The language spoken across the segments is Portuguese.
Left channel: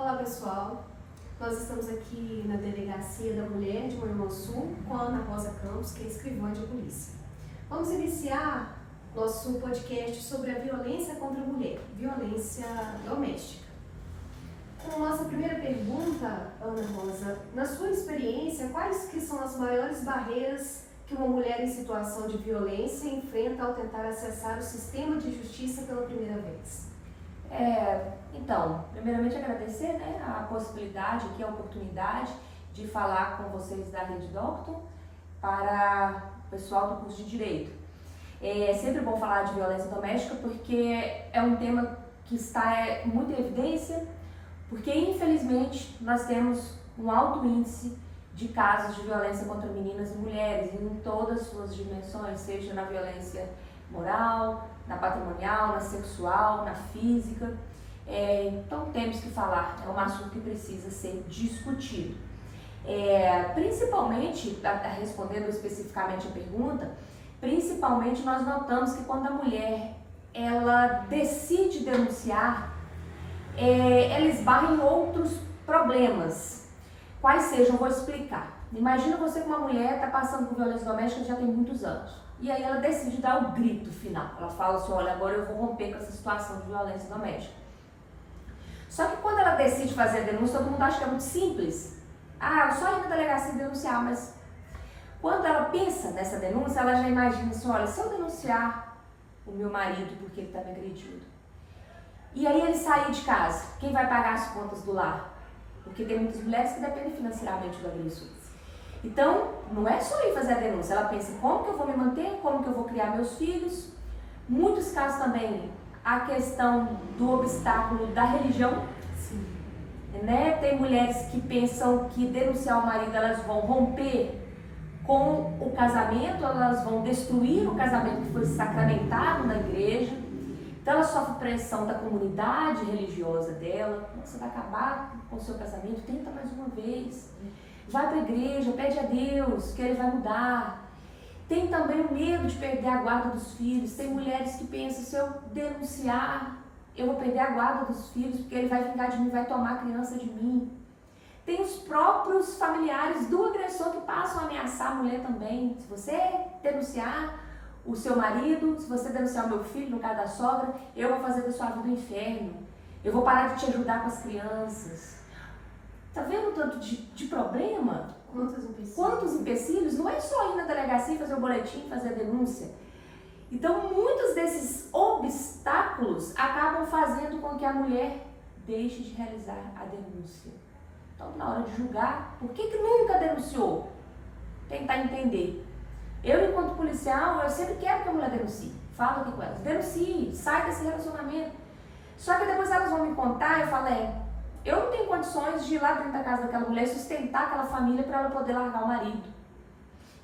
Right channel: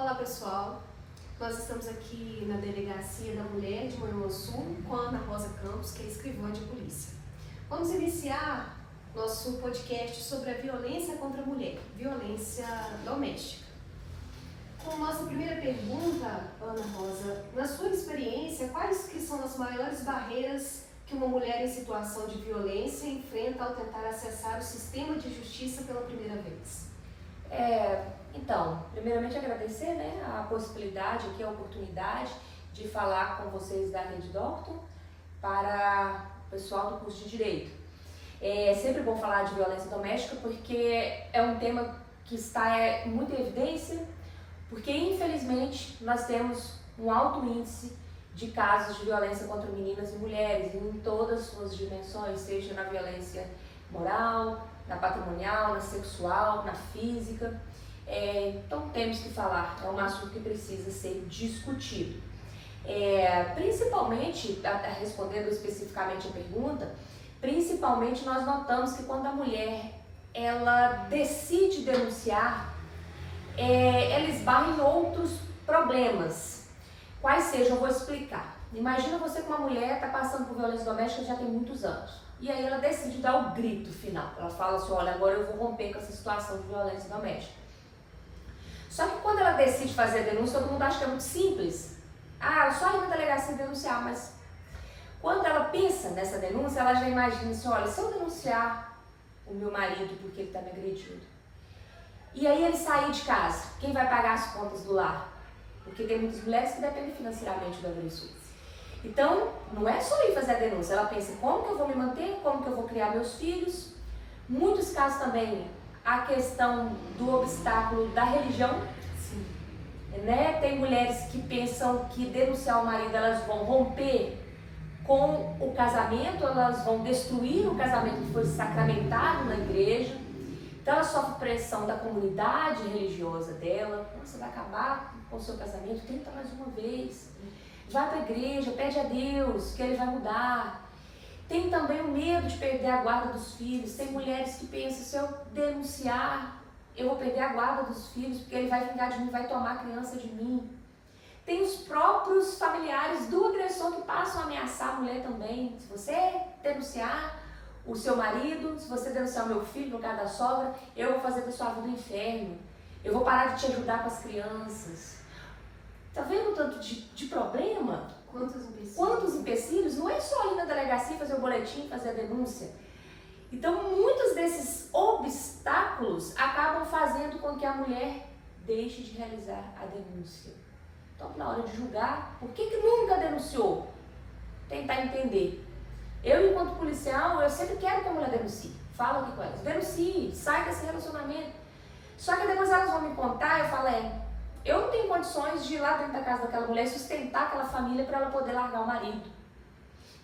Olá pessoal, nós estamos aqui na Delegacia da Mulher de Manhuaçu com a Ana Rosa Campos, que é escrivã de polícia. Vamos iniciar nosso podcast sobre a violência contra a mulher, violência doméstica. Como nossa primeira pergunta, Ana Rosa, na sua experiência, quais que são as maiores barreiras que uma mulher em situação de violência enfrenta ao tentar acessar o sistema de justiça pela primeira vez? Então, primeiramente agradecer a possibilidade, aqui a oportunidade de falar com vocês da Rede Doctor para o pessoal do curso de Direito. É sempre bom falar de violência doméstica porque é um tema que está muito em evidência, porque infelizmente nós temos um alto índice de casos de violência contra meninas e mulheres em todas as suas dimensões, seja na violência moral, na patrimonial, na sexual, na física. Então temos que falar, é um assunto que precisa ser discutido. Principalmente, respondendo especificamente a pergunta, principalmente nós notamos que quando a mulher ela decide denunciar, ela esbarra em outros problemas. Quais sejam, eu vou explicar. Imagina você que uma mulher está passando por violência doméstica já tem muitos anos. E aí ela decide dar o grito final. Ela fala assim, olha, agora eu vou romper com essa situação de violência doméstica. Só que quando ela decide fazer a denúncia, todo mundo acha que é muito simples. Eu só ir na delegacia denunciar, mas quando ela pensa nessa denúncia, ela já imagina assim, olha, se eu denunciar o meu marido porque ele está me agredindo, e aí ele sair de casa, quem vai pagar as contas do lar? Porque tem muitas mulheres que dependem financeiramente do agressor. Então, não é só ir fazer a denúncia, ela pensa como que eu vou me manter, como que eu vou criar meus filhos. Muitos casos também, a questão do obstáculo da religião. Sim. Tem mulheres que pensam que denunciar o marido elas vão romper com o casamento, elas vão destruir o casamento que foi sacramentado na igreja. Então ela sofre pressão da comunidade religiosa dela. Você vai acabar com o seu casamento, tenta mais uma vez. Vai para a igreja, pede a Deus que ele vai mudar. Tem também o medo de perder a guarda dos filhos. Tem mulheres que pensam, se eu denunciar, eu vou perder a guarda dos filhos, porque ele vai vingar de mim, vai tomar a criança de mim. Tem os próprios familiares do agressor que passam a ameaçar a mulher também. Se você denunciar o seu marido, se você denunciar o meu filho, no caso da sogra, eu vou fazer da sua vida um inferno. Eu vou parar de te ajudar com as crianças. Tá vendo o tanto de problema? Quantos empecilhos? Não é só ir na delegacia, fazer o boletim, fazer a denúncia. Então, muitos desses obstáculos acabam fazendo com que a mulher deixe de realizar a denúncia. Então, na hora de julgar, por que nunca denunciou? Tentar entender. Eu, enquanto policial, eu sempre quero que a mulher denuncie. Falo aqui com elas, denuncie, sai desse relacionamento. Só que depois elas vão me contar, eu falo, eu não tenho condições de ir lá dentro da casa daquela mulher sustentar aquela família para ela poder largar o marido.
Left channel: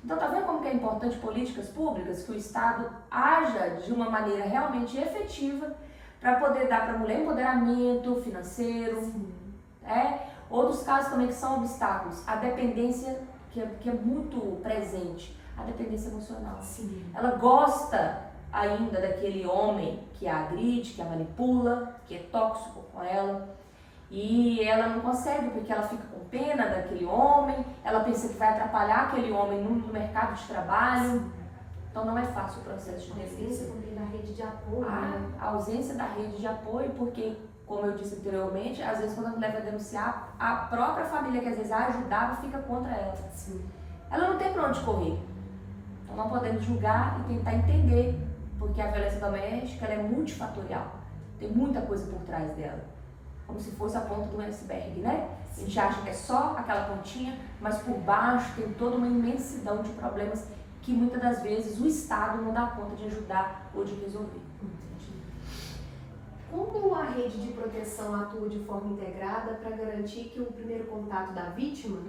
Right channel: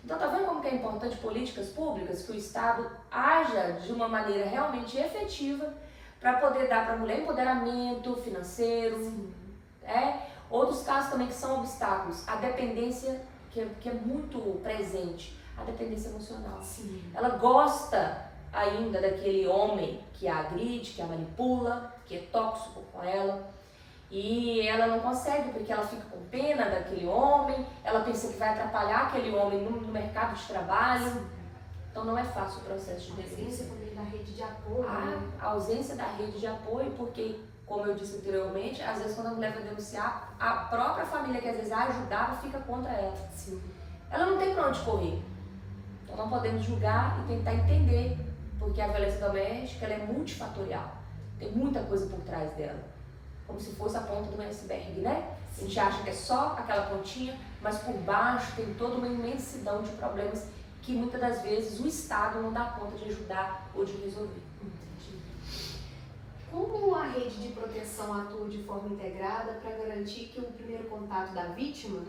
Então, tá vendo como que é importante políticas públicas, que o Estado haja de uma maneira realmente efetiva para poder dar para a mulher empoderamento financeiro. Outros casos também que são obstáculos, a dependência que é muito presente, a dependência emocional. Sim. Ela gosta ainda daquele homem que a agride, que a manipula, que é tóxico com ela. E ela não consegue, porque ela fica com pena daquele homem, ela pensa que vai atrapalhar aquele homem no mercado de trabalho. Então não é fácil o processo de denúncia. Da rede de apoio. A ausência da rede de apoio, porque, como eu disse anteriormente, às vezes quando a mulher vai denunciar, a própria família que às vezes a ajudava fica contra ela. Sim. Ela não tem para onde correr. Então não podemos julgar e tentar entender, porque a violência doméstica ela é multifatorial. Tem muita coisa por trás dela. Como se fosse a ponta de um iceberg, né? A gente acha que é só aquela pontinha, mas por baixo tem toda uma imensidão de problemas que muitas das vezes o Estado não dá conta de ajudar ou de resolver. Entendi. Como a rede de proteção atua de forma integrada para garantir que o primeiro contato da vítima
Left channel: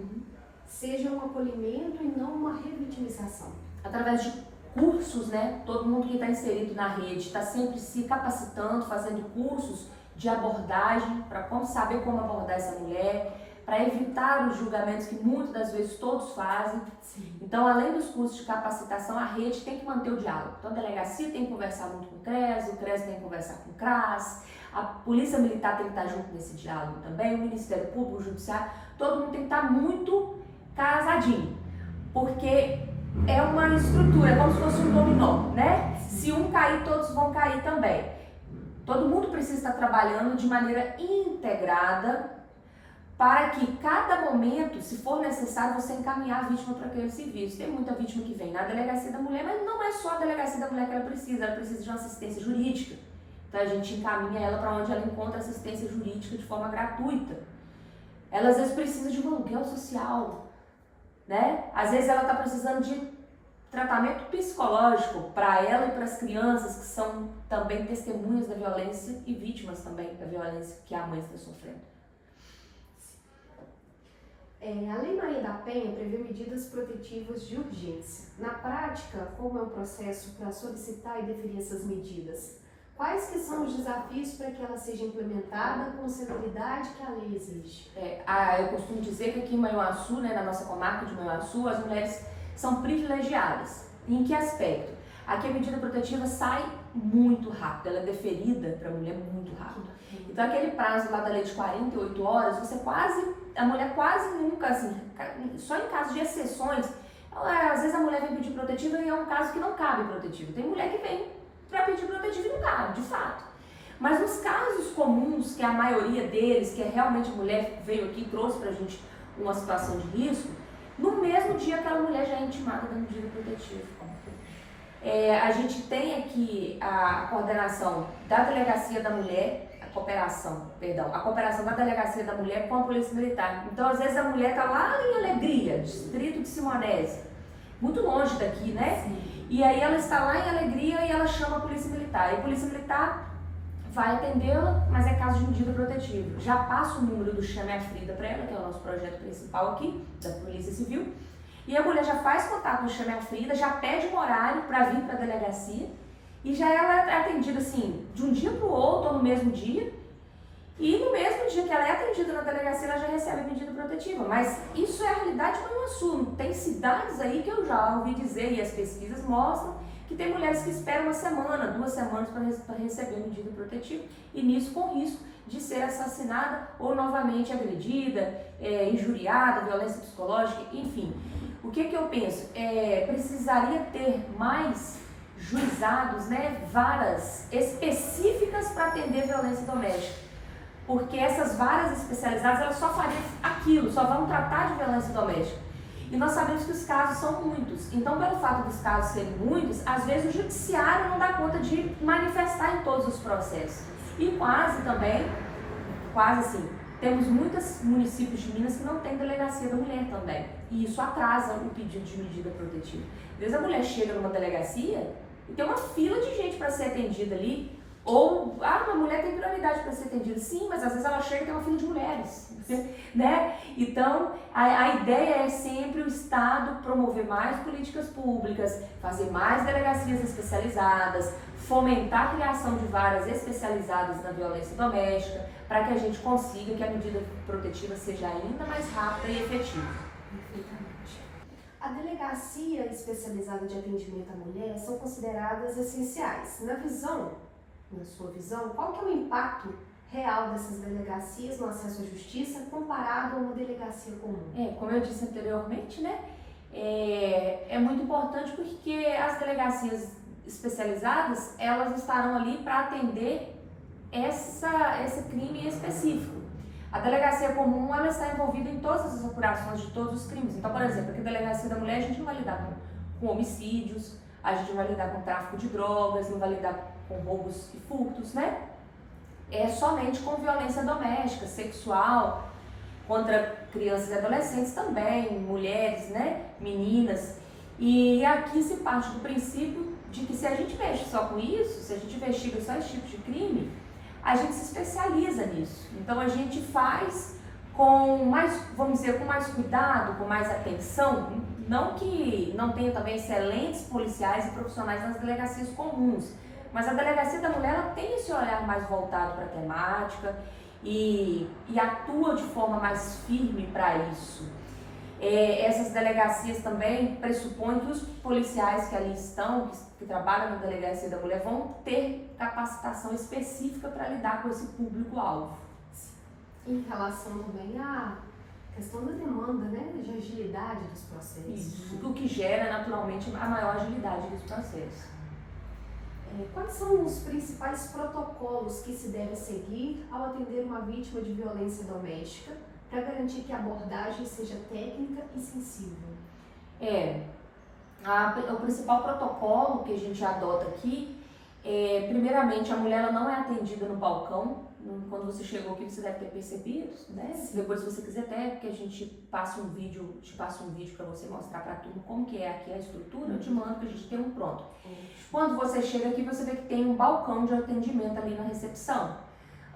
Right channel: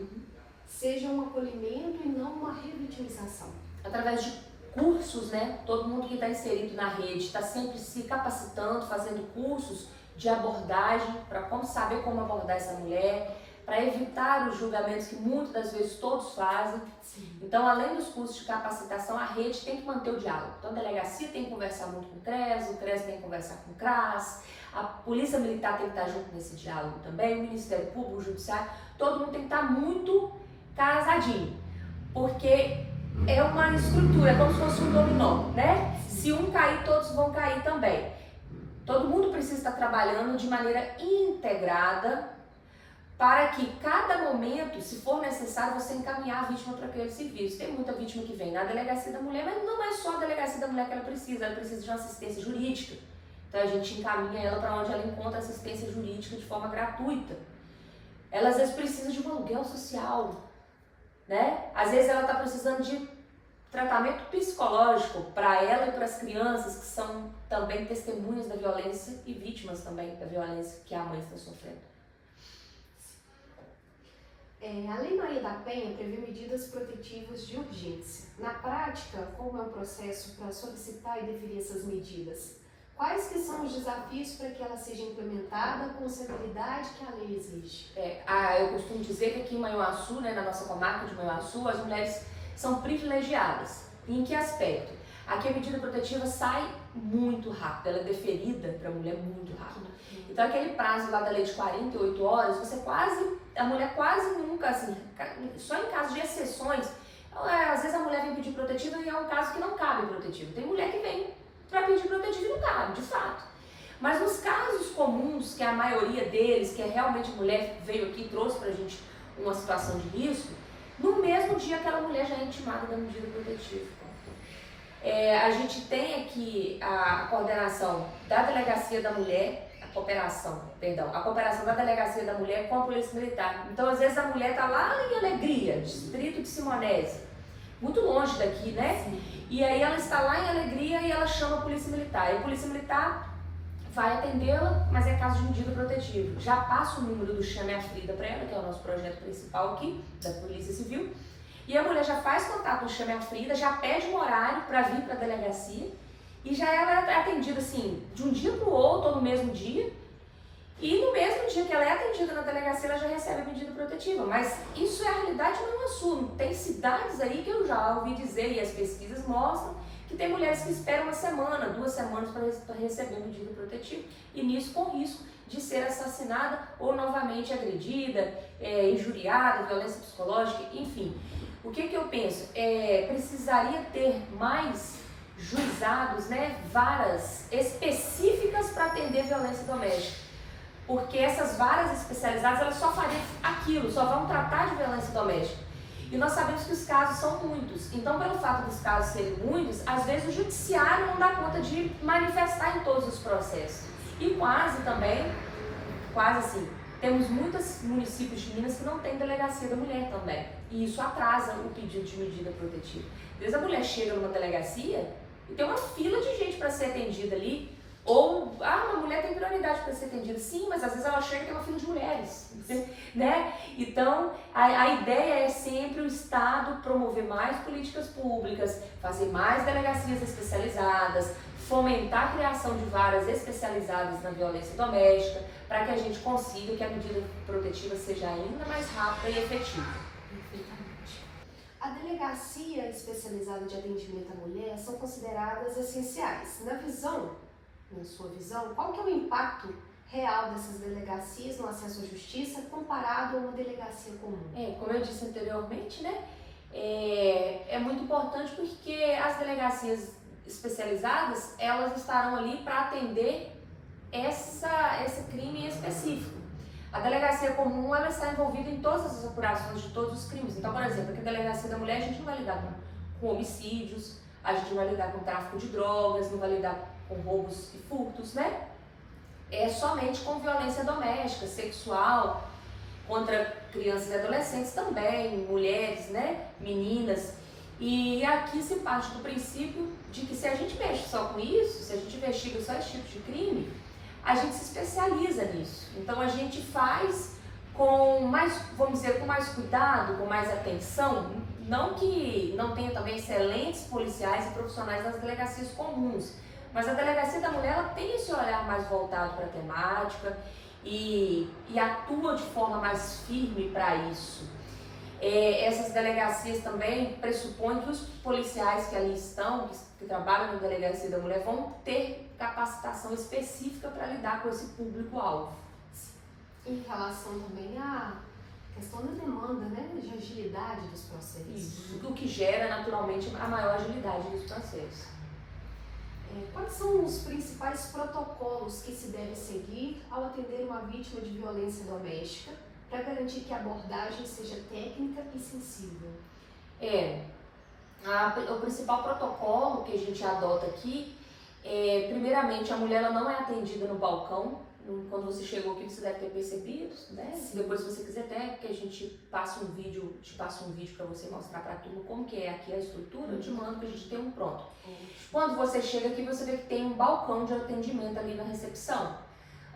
seja um acolhimento e não uma revitimização? Através de cursos, Todo mundo que está inserido na rede está sempre se capacitando, fazendo cursos de abordagem, para saber como abordar essa mulher, para evitar os julgamentos que muitas das vezes todos fazem. Sim. Então, além dos cursos de capacitação, a rede tem que manter o diálogo. Então, a delegacia tem que conversar muito com o CRES tem que conversar com o CRAS, A Polícia Militar tem que estar junto nesse diálogo também, o Ministério Público, o Judiciário, todo mundo tem que estar muito casadinho, porque é uma estrutura, como se fosse um dominó, né? Se um cair, todos vão cair também. Todo mundo precisa estar trabalhando de maneira integrada para que cada momento, se for necessário, você encaminhar a vítima para aquele serviço. Tem muita vítima que vem na delegacia da mulher, mas não é só a delegacia da mulher que ela precisa de uma assistência jurídica. Então a gente encaminha ela para onde ela encontra assistência jurídica de forma gratuita. Ela às vezes precisa de um aluguel social, né? Às vezes ela está precisando de tratamento psicológico para ela e para as crianças que são também testemunhas da violência e vítimas também da violência que a mãe está sofrendo. A Lei Maria da Penha prevê medidas protetivas de urgência. Na prática, como é o processo para solicitar e definir essas medidas? Quais que são os desafios para que ela seja implementada com a celeridade que a lei exige? Eu costumo dizer que aqui em Manhuaçu, né, na nossa comarca de Manhuaçu, as mulheres são privilegiadas. Em que aspecto? Aqui a medida protetiva sai muito rápido, ela é deferida para a mulher muito rápido. Então aquele prazo lá da lei de 48 horas, a mulher quase nunca, assim, só em caso de exceções, às vezes a mulher vem pedir protetiva e é um caso que não cabe protetiva. Tem mulher que vem para pedir protetiva e não cabe, de fato. Mas nos casos comuns, que é a maioria deles, que é realmente a mulher veio aqui e trouxe pra gente uma situação de risco, no mesmo dia aquela mulher já é intimada da medida protetiva. A gente tem aqui a coordenação da Delegacia da Mulher, a cooperação da Delegacia da Mulher com a Polícia Militar. Então, às vezes a mulher está lá em Alegria, distrito de Simonésia, muito longe daqui, né? Sim. E aí ela está lá em Alegria e ela chama a Polícia Militar. E a Polícia Militar vai atendê-la, mas é caso de medida protetiva. Já passa o número do Chame a Frida para ela, que é o nosso projeto principal aqui, da Polícia Civil. E a mulher já faz contato com o Chame a Frida, já pede um horário para vir para a delegacia. E já ela é atendida assim, de um dia para o outro, ou no mesmo dia. E no mesmo dia que ela é atendida na delegacia, ela já recebe a medida protetiva. Mas isso é a realidade no Manhuaçu. Tem cidades aí que eu já ouvi dizer, e as pesquisas mostram, que tem mulheres que esperam 1 semana, 2 semanas para receber a medida protetiva. E nisso com risco de ser assassinada ou novamente agredida, injuriada, violência psicológica, enfim. O que eu penso? Precisaria ter mais juizados, né, varas específicas para atender violência doméstica. Porque essas varas especializadas, elas só fariam aquilo, só vão tratar de violência doméstica. E nós sabemos que os casos são muitos. Então, pelo fato dos casos serem muitos, às vezes o judiciário não dá conta de manifestar em todos os processos. E quase assim, temos muitos municípios de Minas que não tem delegacia da mulher também. E isso atrasa o pedido de medida protetiva. Às vezes a mulher chega numa delegacia e tem uma fila de gente para ser atendida ali. Ou, uma mulher tem prioridade para ser atendida. Sim, mas às vezes ela chega e tem uma fila de mulheres, né? Então, a ideia é sempre o Estado promover mais políticas públicas, fazer mais delegacias especializadas, fomentar a criação de varas especializadas na violência doméstica, para que a gente consiga que a medida protetiva seja ainda mais rápida e efetiva. A delegacia especializada de atendimento à mulher são consideradas essenciais. Na sua visão, qual que é o impacto real dessas delegacias no acesso à justiça comparado a uma delegacia comum? Como eu disse anteriormente, né? É muito importante porque as delegacias especializadas, elas estarão ali para atender esse crime específico. A delegacia comum, ela está envolvida em todas as apurações de todos os crimes. Então, por exemplo, aqui na delegacia da mulher, a gente não vai lidar com homicídios, a gente não vai lidar com tráfico de drogas, não vai lidar com roubos e furtos, né? É somente com violência doméstica, sexual, contra crianças e adolescentes também, mulheres, né? Meninas. E aqui se parte do princípio de que se a gente mexe só com isso, se a gente investiga só esse tipo de crime, a gente se especializa nisso. Então a gente faz com mais, vamos dizer, com mais cuidado, com mais atenção. Não que não tenha também excelentes policiais e profissionais nas delegacias comuns, mas a Delegacia da Mulher, ela tem esse olhar mais voltado para a temática e atua de forma mais firme para isso. Essas delegacias também pressupõem que os policiais que ali estão, que trabalham na delegacia da mulher, vão ter capacitação específica para lidar com esse público-alvo. Em relação também à questão da demanda, né, de agilidade dos processos. Isso, o que gera naturalmente a maior agilidade dos processos. Quais são os principais protocolos que se deve seguir ao atender uma vítima de violência doméstica para garantir que a abordagem seja técnica e sensível? O principal protocolo que a gente adota aqui primeiramente, a mulher ela não é atendida no balcão. Quando você chegou aqui, você deve ter percebido, né? Depois, se você quiser até que a gente passe um vídeo, para você mostrar para tudo como que é aqui a estrutura, eu te mando que a gente tem um pronto. Quando você chega aqui, você vê que tem um balcão de atendimento ali na recepção.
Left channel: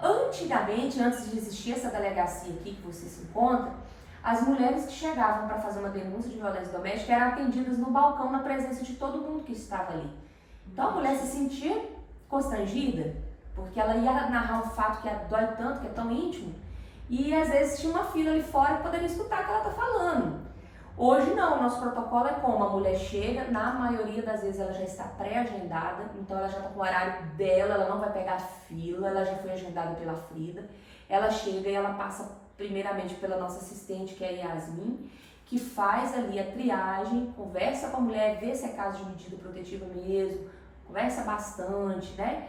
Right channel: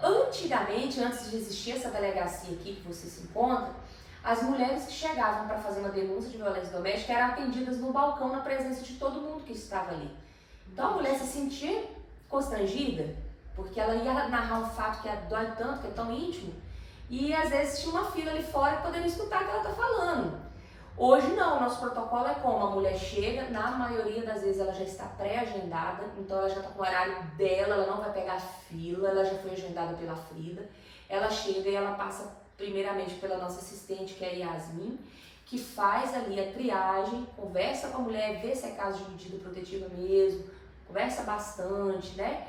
Antigamente, antes de existir essa delegacia aqui que você se encontra, as mulheres que chegavam para fazer uma denúncia de violência doméstica eram atendidas no balcão na presença de todo mundo que estava ali. Então a mulher se sentia constrangida, porque ela ia narrar um fato que dói tanto, que é tão íntimo, e às vezes tinha uma fila ali fora que poderia escutar o que ela está falando. Hoje não, o nosso protocolo é como a mulher chega, na maioria das vezes ela já está pré-agendada, então ela já está com o horário dela, ela não vai pegar fila, ela já foi agendada pela Frida. Ela chega e ela passa primeiramente pela nossa assistente, que é a Yasmin, que faz ali a triagem, conversa com a mulher, vê se é caso de medida protetiva mesmo, conversa bastante, né?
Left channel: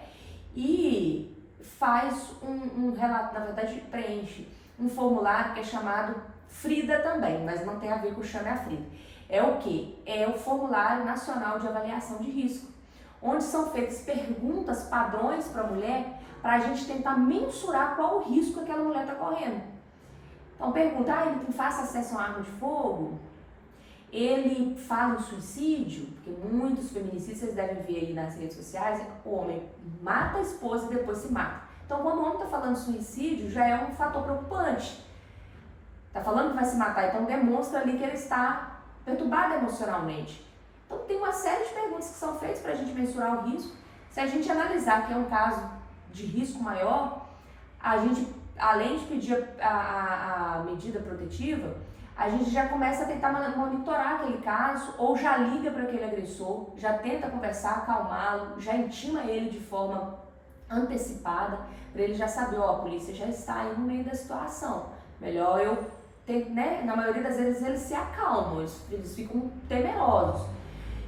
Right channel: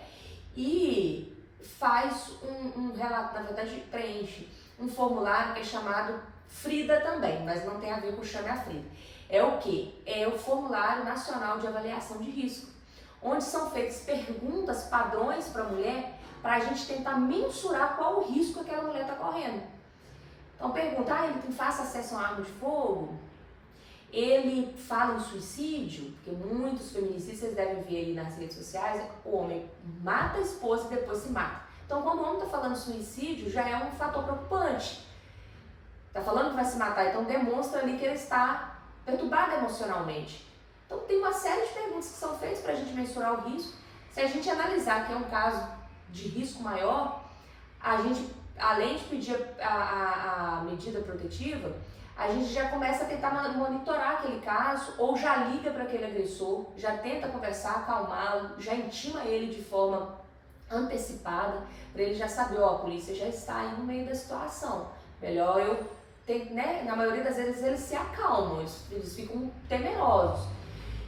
E faz um relato, na verdade preenche um formulário que é chamado Frida também, mas não tem a ver com o Chame a Frida. É o quê? É o Formulário Nacional de Avaliação de Risco, onde são feitas perguntas padrões para a mulher, para a gente tentar mensurar qual o risco que aquela mulher está correndo. Então pergunta, ele tem fácil acesso a uma arma de fogo? Ele fala em suicídio? Porque muitos feminicídios, vocês devem ver aí nas redes sociais, o homem mata a esposa e depois se mata. Então quando o homem está falando suicídio, já é um fator preocupante. Está falando que vai se matar, então demonstra ali que ele está perturbado emocionalmente. Então tem uma série de perguntas que são feitas para a gente mensurar o risco. Se a gente analisar que é um caso de risco maior, a gente, além de pedir a medida protetiva, a gente já começa a tentar monitorar aquele caso, ou já liga para aquele agressor, já tenta conversar, acalmá-lo, já intima ele de forma antecipada, para ele já saber, a polícia já está aí no meio da situação. Melhor eu ter, né? Na maioria das vezes eles se acalmam, eles ficam temerosos.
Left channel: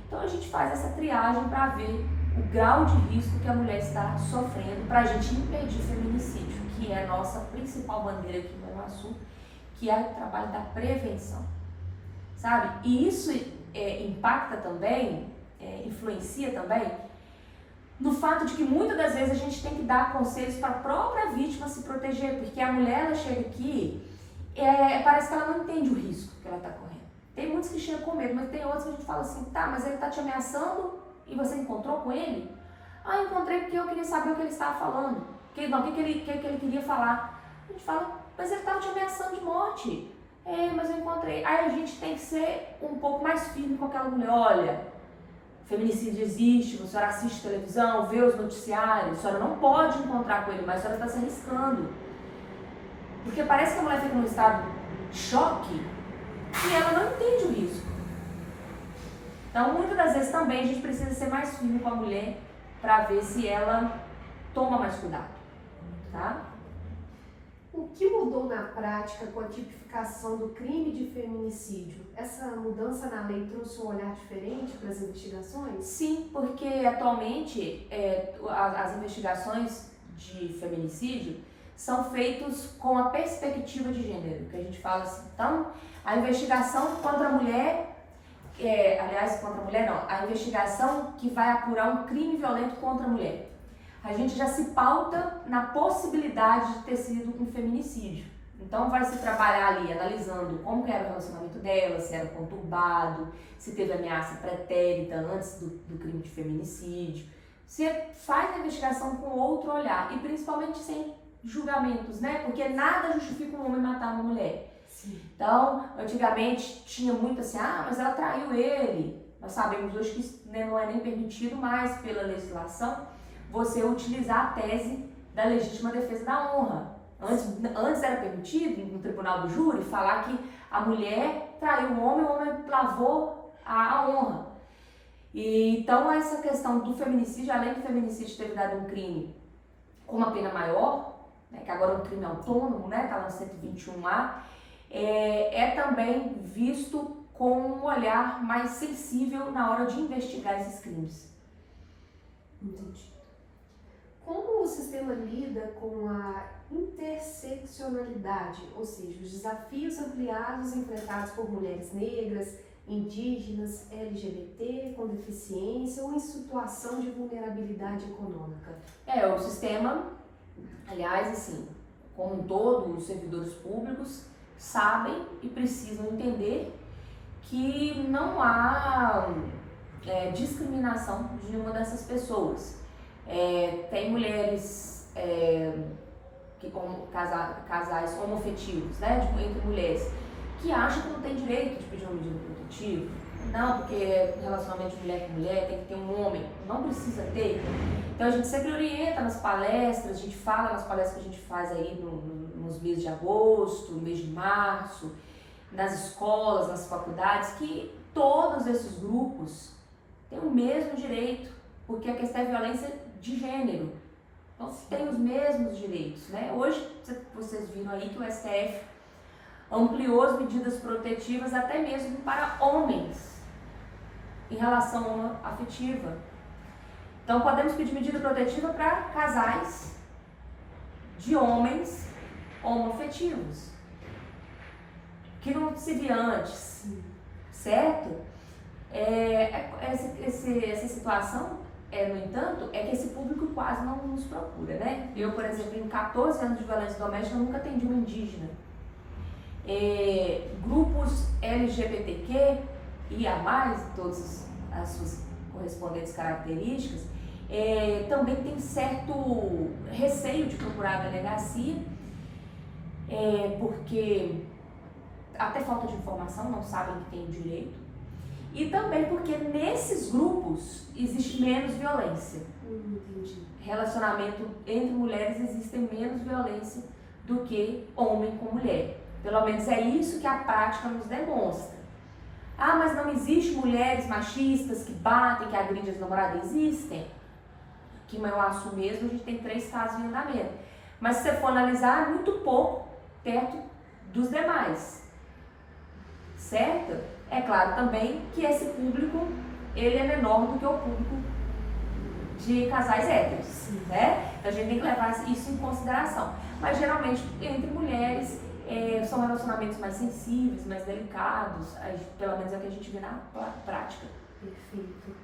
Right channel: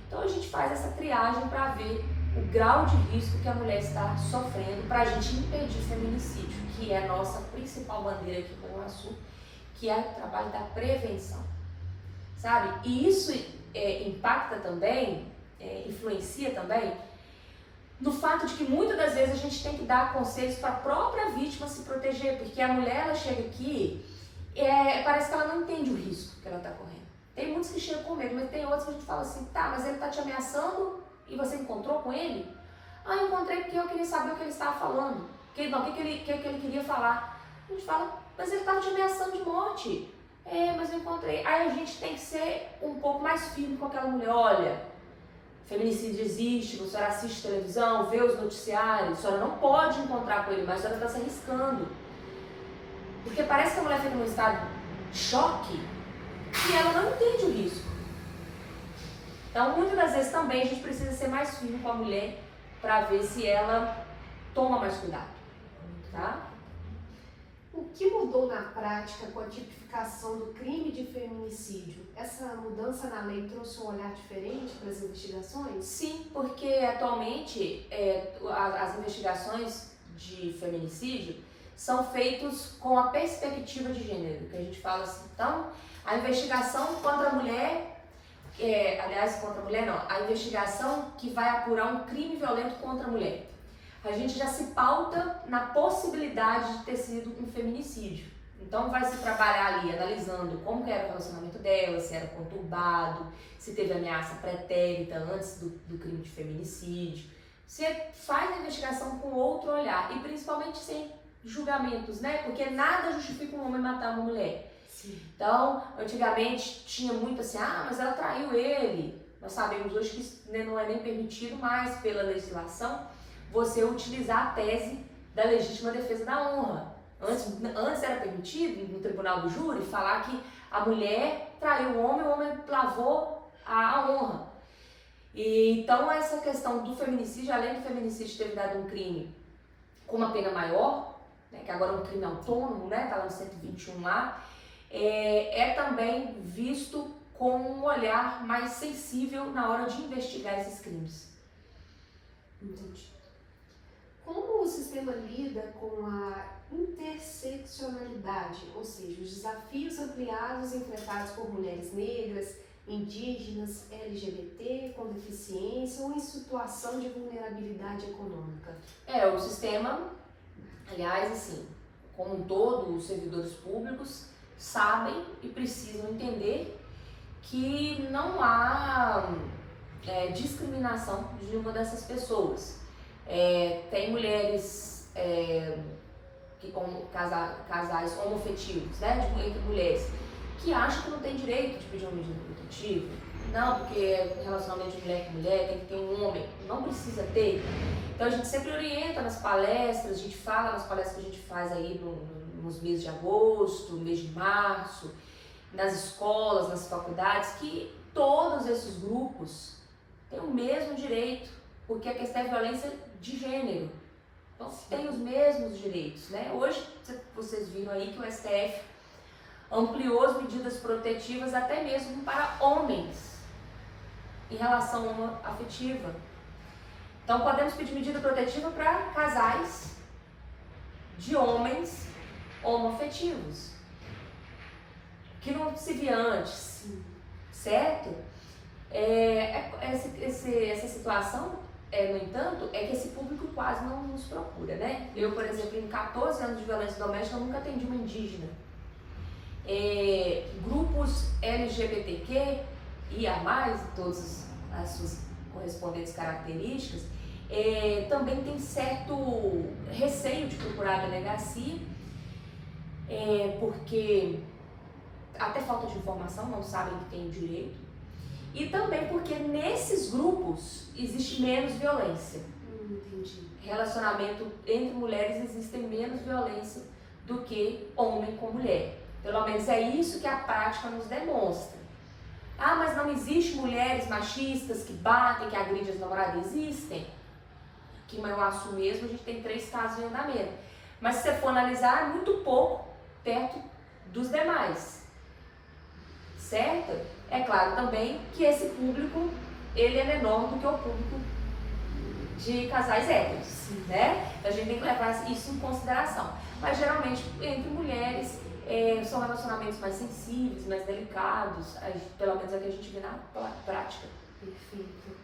Então a gente faz essa triagem para ver o grau de risco que a mulher está sofrendo, para a gente impedir feminicídio, que é a nossa principal bandeira aqui no Iguaçu, que é o trabalho da prevenção, sabe? E isso impacta também, influencia também, no fato de que muitas das vezes a gente tem que dar conselhos para a própria vítima se proteger, porque a mulher, ela chega aqui, parece que ela não entende o risco que ela está correndo. Tem muitos que chegam com medo, mas tem outros que a gente fala assim, tá, mas ele está te ameaçando e você encontrou com ele? Ah, eu encontrei porque eu queria saber o que ele estava falando, o que ele queria falar. A gente fala, mas ele estava te ameaçando de morte. Mas eu encontrei. Aí a gente tem que ser um pouco mais firme com aquela mulher. Olha, feminicídio existe, a senhora assiste televisão, vê os noticiários, a senhora não pode encontrar com ele, mas a senhora está se arriscando. Porque parece que a mulher fica num estado de choque e ela não entende o risco. Então, muitas das vezes também a gente precisa ser mais firme com a mulher para ver se ela toma mais cuidado, tá? O que mudou na prática com a tipificação do crime de feminicídio? Essa mudança na lei trouxe um olhar diferente para as investigações? Sim, porque atualmente as investigações de feminicídio são feitas com a perspectiva de gênero, que a gente fala assim. Então, a investigação contra a mulher, contra a mulher não, a investigação que vai apurar um crime violento contra a mulher. A gente já se pauta na possibilidade de ter sido um feminicídio. Então vai se trabalhar ali analisando como era o relacionamento dela, se era conturbado, se teve ameaça pretérita antes do crime de feminicídio. Você faz a investigação com outro olhar e principalmente sem julgamentos, né? Porque nada justifica um homem matar uma mulher. Sim. Então, antigamente tinha muito assim, mas ela traiu ele. Nós sabemos hoje que não é nem permitido mais pela legislação você utilizar a tese da legítima defesa da honra. Antes era permitido, no tribunal do júri, falar que a mulher traiu o homem lavou a honra. E, então, essa questão do feminicídio, além do feminicídio ter dado um crime com uma pena maior, né, que agora é um crime autônomo, né, está lá no 121A, é também visto com um olhar mais sensível na hora de investigar esses crimes. Entendi. Como o sistema lida com a interseccionalidade, ou seja, os desafios ampliados enfrentados por mulheres negras, indígenas, LGBT, com deficiência ou em situação de vulnerabilidade econômica? O sistema, aliás, assim, como um todo, os servidores públicos sabem e precisam entender que não há discriminação de nenhuma dessas pessoas. Tem mulheres que como casais homoafetivos, né, entre mulheres, que acham que não tem direito de pedir uma medida protetiva. Não, porque relacionamento de mulher com mulher tem que ter um homem. Não precisa ter. Então a gente sempre orienta nas palestras, a gente fala nas palestras que a gente faz aí nos meses de agosto, no mês de março, nas escolas, nas faculdades, que todos esses grupos têm o mesmo direito, porque a questão é violência de gênero. Então tem os mesmos direitos, né? Hoje vocês viram aí que o STF ampliou as medidas protetivas até mesmo para homens em relação afetiva. Então podemos pedir medida protetiva para casais de homens homoafetivos, que não se via antes, certo? Essa situação, no entanto, é que esse público quase não nos procura, né? Eu, por exemplo, em 14 anos de violência doméstica, eu nunca atendi uma indígena. Grupos LGBTQ e a mais, todas as suas correspondentes características, também tem certo receio de procurar a delegacia, porque até falta de informação, não sabem que tem o direito, e também porque nesses grupos existe menos violência. Entendi. Relacionamento entre mulheres existe menos violência do que homem com mulher. Pelo menos é isso que a prática nos demonstra. Ah, mas não existe mulheres machistas que batem, que agridem as namoradas? Existem. Aqui em Mauaçu mesmo a gente tem 3 casos em andamento. Mas se você for analisar, é muito pouco perto dos demais. Certo? É claro também que esse público, ele é menor do que o público de casais héteros, né? Então a gente tem que levar isso em consideração. Mas geralmente entre mulheres são relacionamentos mais sensíveis, mais delicados, pelo menos é o que a gente vê na prática. Perfeito.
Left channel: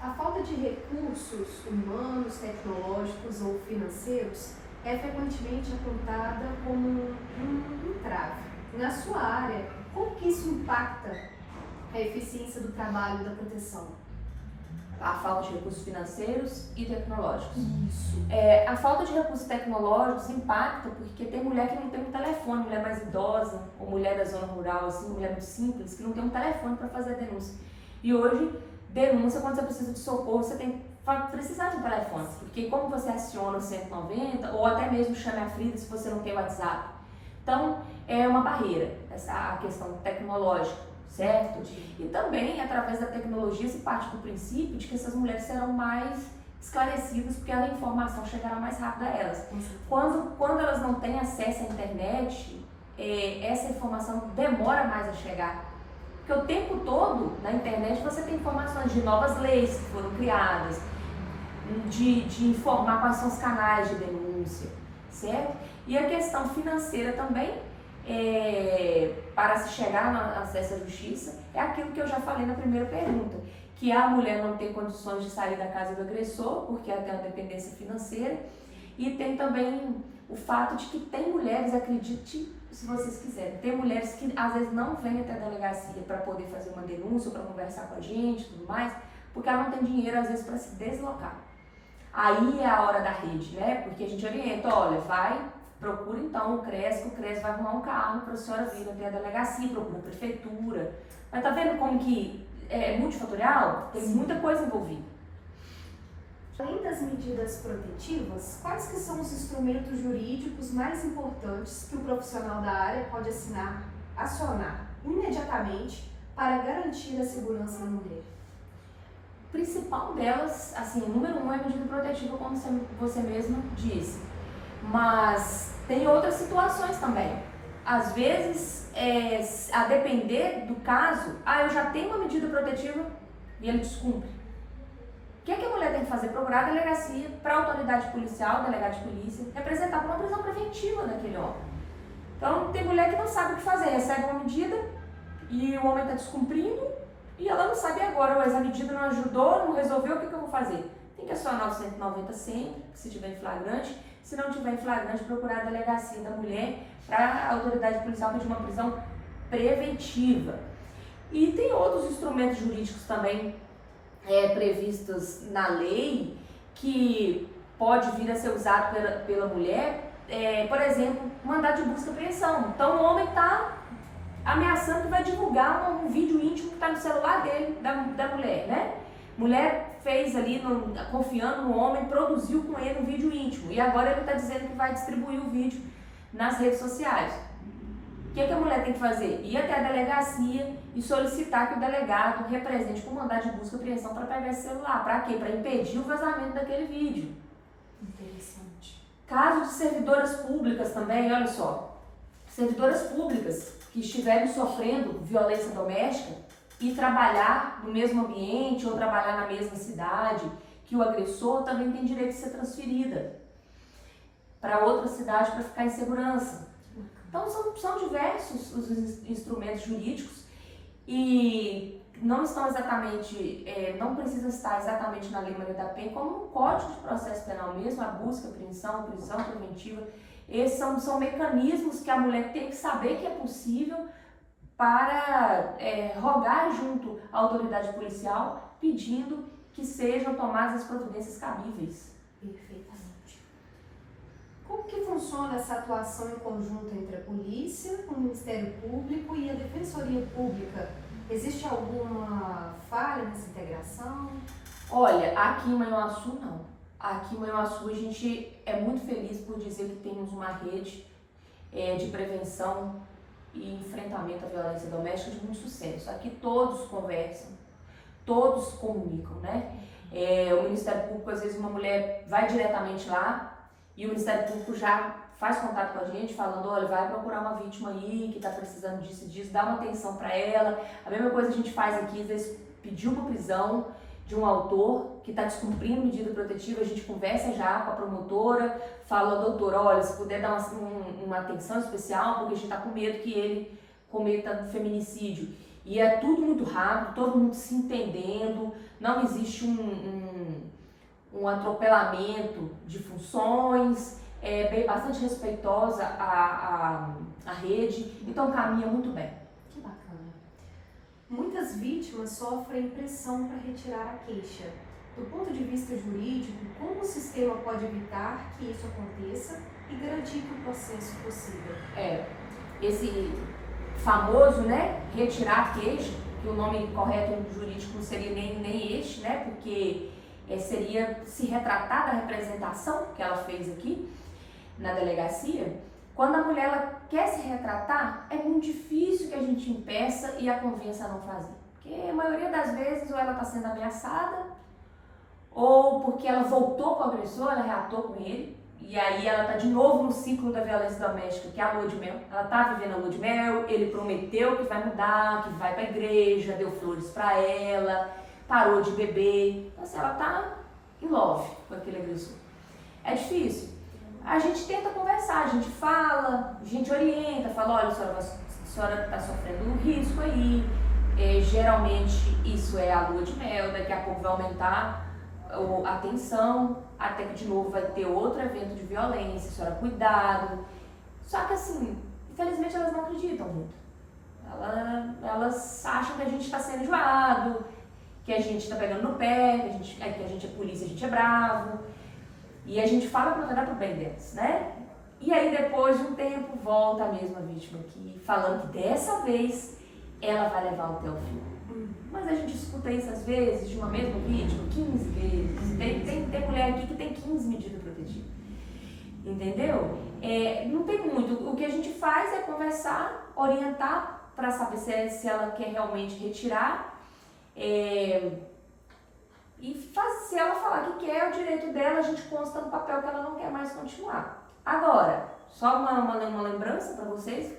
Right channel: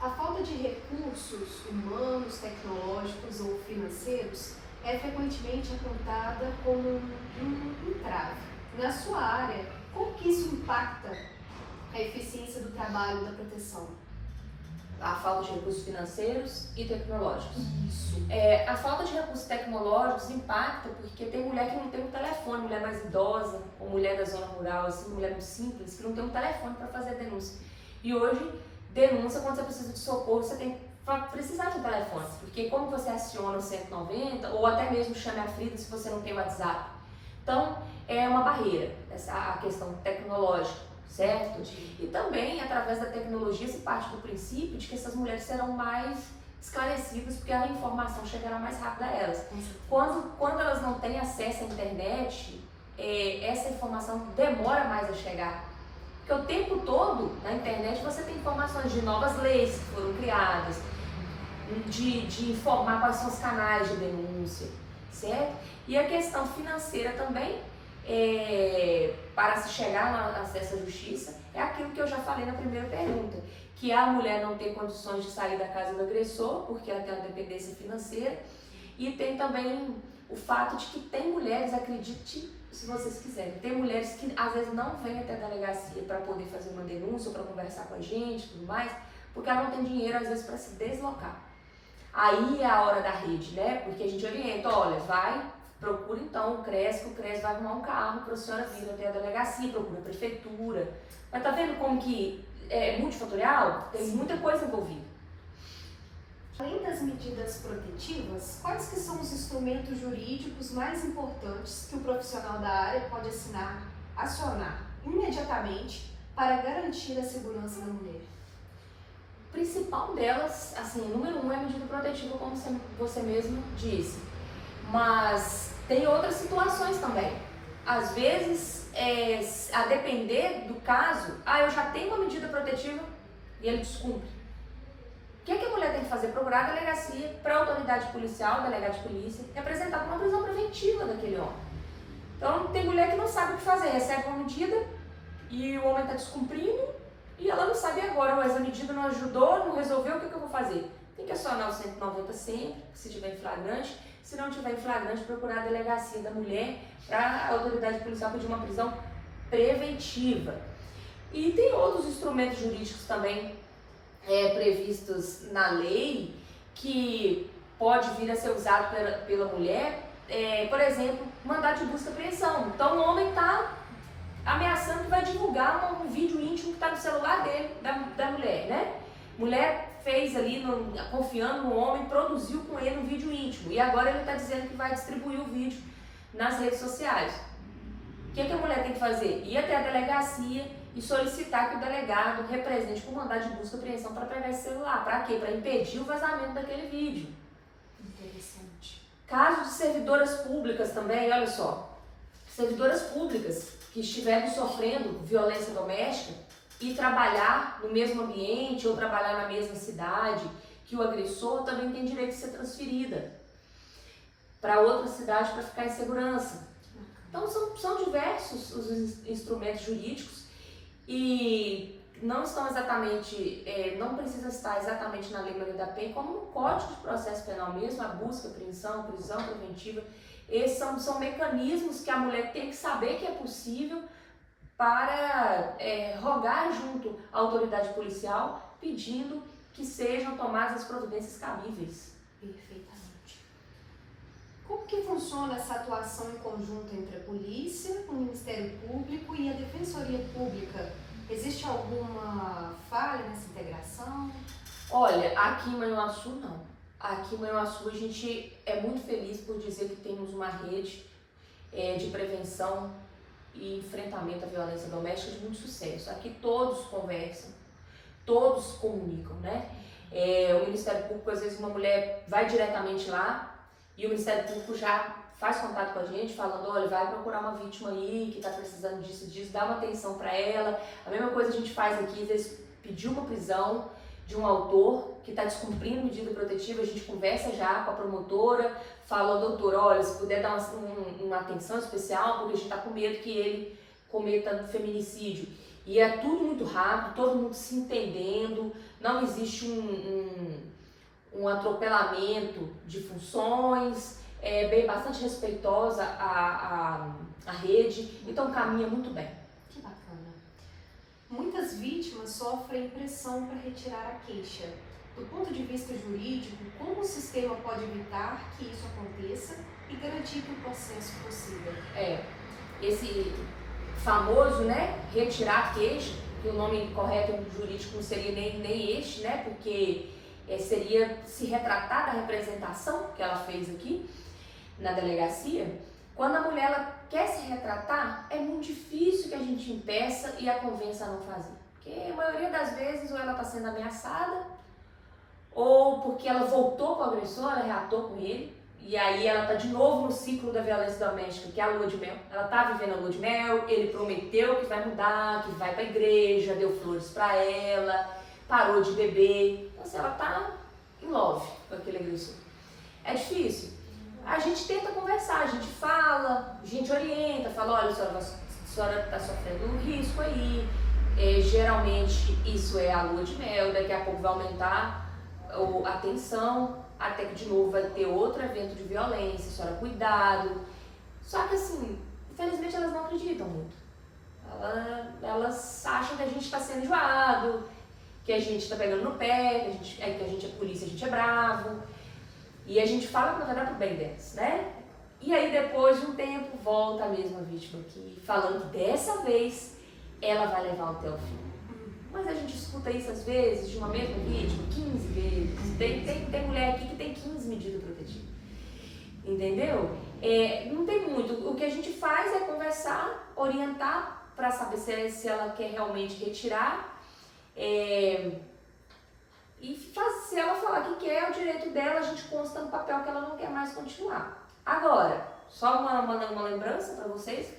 A falta de recursos humanos, tecnológicos ou financeiros é frequentemente apontada como um entrave. Na sua área, como que isso impacta a eficiência do trabalho e da proteção? A falta de recursos financeiros e tecnológicos. Isso. A falta de recursos tecnológicos impacta porque tem mulher que não tem um telefone, mulher mais idosa, ou mulher da zona rural, assim, mulher muito simples, que não tem um telefone para fazer a denúncia. E hoje, denúncia, quando você precisa de socorro, você tem que precisar de um telefone, porque como você aciona o 190, ou até mesmo chame a Frida se você não tem WhatsApp. Então, é uma barreira, a questão tecnológica, certo? E também, através da tecnologia, se parte do princípio de que essas mulheres serão mais esclarecidas, porque a informação chegará mais rápido a elas. Quando elas não têm acesso à internet, essa informação demora mais a chegar. Porque o tempo todo, na internet, você tem informações de novas leis que foram criadas, de informar quais são os canais de denúncia, certo? E a questão financeira também, para se chegar no acesso à justiça, é aquilo que eu já falei na primeira pergunta, que a mulher não tem condições de sair da casa do agressor, porque ela tem uma dependência financeira, e tem também o fato de que tem mulheres, acredite se vocês quiserem, tem mulheres que às vezes não vêm até a delegacia para poder fazer uma denúncia, para conversar com a gente e tudo mais, porque ela não tem dinheiro às vezes para se deslocar. Aí é a hora da rede, né? Porque a gente orienta, olha, procura então o CRES, que o CRES vai arrumar um carro para a senhora vir até a delegacia, procura a prefeitura. Mas tá vendo como que é multifatorial? Tem muita coisa envolvida. Além das medidas protetivas, quais que são os instrumentos jurídicos mais importantes que o profissional da área pode acionar imediatamente para garantir a segurança da mulher? O principal delas, assim, número 1 é a medida protetiva, como você mesma disse. Mas tem outras situações também. Às vezes, a depender do caso, eu já tenho uma medida protetiva e ele descumpre. O que a mulher tem que fazer? Procurar a delegacia, para a autoridade policial, delegado de polícia, representar uma prisão preventiva daquele homem. Então, tem mulher que não sabe o que fazer, recebe uma medida e o homem está descumprindo e ela não sabe agora, mas a medida não ajudou, não resolveu, o que eu vou fazer? Tem que acionar o 190 sempre, se tiver em flagrante. Se não tiver em flagrante, procurar a delegacia da mulher para a autoridade policial pedir uma prisão preventiva. E tem outros instrumentos jurídicos também previstos na lei que pode vir a ser usado pela mulher, por exemplo, mandado de busca e apreensão. Então o homem está ameaçando que vai divulgar um vídeo íntimo que está no celular dele, da mulher, né? Mulher fez ali, confiando no homem, produziu com ele um vídeo íntimo e agora ele está dizendo que vai distribuir o vídeo nas redes sociais. O que a mulher tem que fazer? Ir até a delegacia e solicitar que o delegado represente com mandado de busca e apreensão para pegar esse celular. Para quê? Para impedir o vazamento daquele vídeo. Interessante. Casos de servidoras públicas também, olha só. Servidoras públicas que estiverem sofrendo violência doméstica e trabalhar no mesmo ambiente ou trabalhar na mesma cidade que o agressor, também tem direito de ser transferida para outra cidade para ficar em segurança. Então são diversos os instrumentos jurídicos e não estão exatamente, não precisa estar exatamente na Lei Maria da Penha, como no Código de Processo Penal mesmo, a busca, apreensão, prisão preventiva. Esses são mecanismos que a mulher tem que saber que é possível para rogar junto à autoridade policial, pedindo que sejam tomadas as providências cabíveis. Perfeitamente. Como que funciona essa atuação em conjunto entre a polícia, o Ministério Público e a Defensoria Pública? Existe alguma falha nessa integração? Olha, aqui em Manhuaçu não. Aqui em Manhuaçu a gente é muito feliz por dizer que temos uma rede de prevenção e enfrentamento à violência doméstica de muito sucesso. Aqui todos conversam, todos comunicam, né? O Ministério Público, às vezes uma mulher vai diretamente lá e o Ministério Público já faz contato com a gente falando, olha, vai procurar uma vítima aí que está precisando disso e disso, dá uma atenção para ela. A mesma coisa a gente faz aqui, às vezes pedir uma prisão de um autor que está descumprindo medida protetiva, a gente conversa já com a promotora, fala, doutor, olha, se puder dar uma atenção especial, porque a gente está com medo que ele cometa um feminicídio. E é tudo muito rápido, todo mundo se entendendo, não existe um atropelamento de funções, bem bastante respeitosa a rede, então caminha muito bem. Que bacana. Muitas vítimas sofrem pressão para retirar a queixa. Do ponto de vista jurídico, como o sistema pode evitar que isso aconteça e garantir que o processo prossiga? Esse famoso, né, retirar a queixa, que o nome correto jurídico não seria nem este, né, porque seria se retratar da representação que ela fez aqui na delegacia. Quando a mulher ela quer se retratar, é muito difícil que a gente impeça e a convença a não fazer. Porque a maioria das vezes ou ela está sendo ameaçada, ou porque ela voltou com o agressor, ela reatou com ele, e aí ela está de novo no ciclo da violência doméstica, que é a lua de mel. Ela está vivendo a lua de mel, ele prometeu que vai mudar, que vai para a igreja, deu flores para ela, parou de beber. Então, assim, ela está em love com aquele agressor. É difícil. A gente tenta conversar, a gente fala, a gente orienta, fala, olha, a senhora está sofrendo um risco aí, geralmente isso é a lua de mel, daqui a pouco vai aumentar a tensão, até que de novo vai ter outro evento de violência, a senhora cuidado. Só que assim, infelizmente elas não acreditam muito. Elas acham que a gente está sendo enjoado, que a gente está pegando no pé, que a gente é polícia, a gente é bravo. E a gente fala para tratar pro bem delas, né? E aí depois de um tempo volta a mesma vítima aqui, falando que dessa vez ela vai levar até o fim. Mas a gente escuta isso às vezes, de uma mesma vítima, 15 vezes. Tem mulher aqui que tem 15 medidas protetivas. Entendeu? Não tem muito. O que a gente faz é conversar, orientar para saber se ela quer realmente retirar. Se ela falar que quer, é o direito dela, a gente consta no papel que ela não quer mais continuar. Agora, só uma lembrança para vocês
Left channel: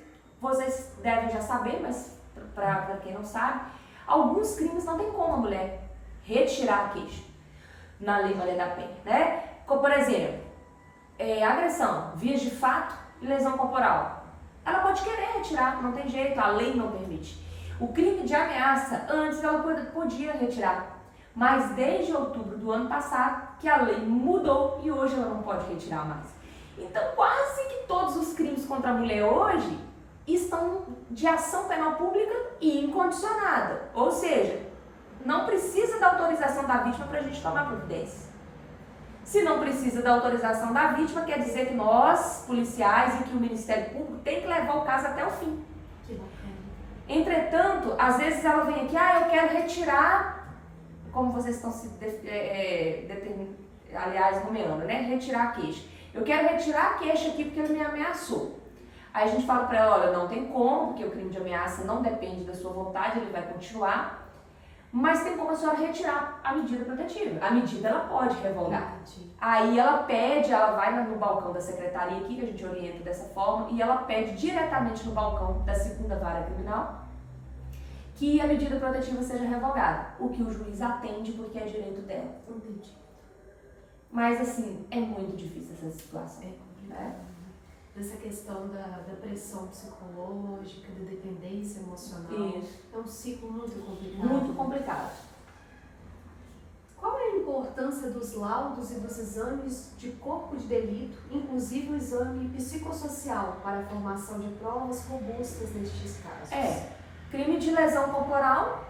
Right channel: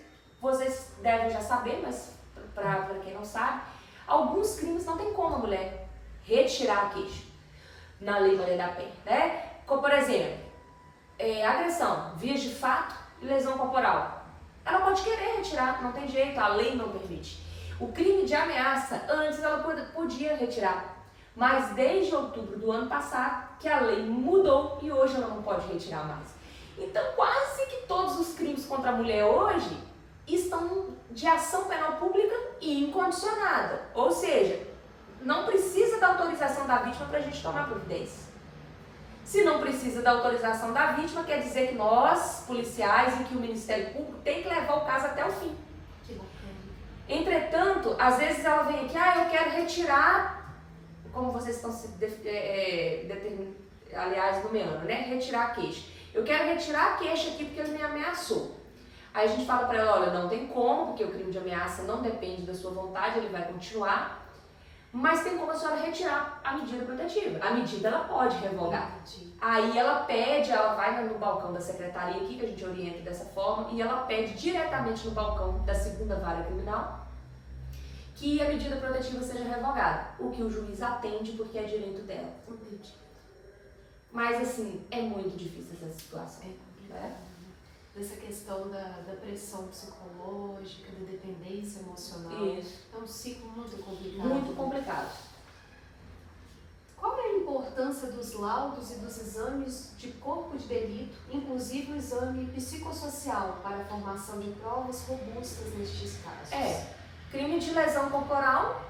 devem já saber, mas para quem não sabe, alguns crimes não tem como a mulher retirar a queixa na Lei Maria da Penha, né? Como, por exemplo, agressão, vias de fato e lesão corporal. Ela pode querer retirar, não tem jeito, a lei não permite. O crime de ameaça, antes ela podia retirar, mas desde outubro do ano passado que a lei mudou e hoje ela não pode retirar mais. Então quase que todos os crimes contra a mulher hoje estão de ação penal pública e incondicionada, ou seja, não precisa da autorização da vítima para a gente tomar providência. Se não precisa da autorização da vítima, quer dizer que nós, policiais, e que o Ministério Público tem que levar o caso até o fim. Entretanto, às vezes ela vem aqui, eu quero retirar, como vocês estão se nomeando, né? Retirar a queixa. Eu quero retirar a queixa aqui porque ele me ameaçou. Aí a gente fala para ela, olha, não tem como, porque o crime de ameaça não depende da sua vontade, ele vai continuar. Mas tem como a senhora retirar a medida protetiva. A medida ela pode revogar. Aí ela pede, ela vai no balcão da secretaria aqui, que a gente orienta dessa forma, e ela pede diretamente no balcão da segunda vara criminal que a medida protetiva seja revogada. O que o juiz atende porque é direito dela. Mas assim, é muito difícil essa situação. Dessa questão da pressão psicológica, da dependência emocional. Isso. É um ciclo muito complicado. Muito complicado. Qual é a importância dos laudos e dos exames de corpo de delito, inclusive o exame psicossocial, para a formação de provas robustas nestes casos? Crime de lesão corporal,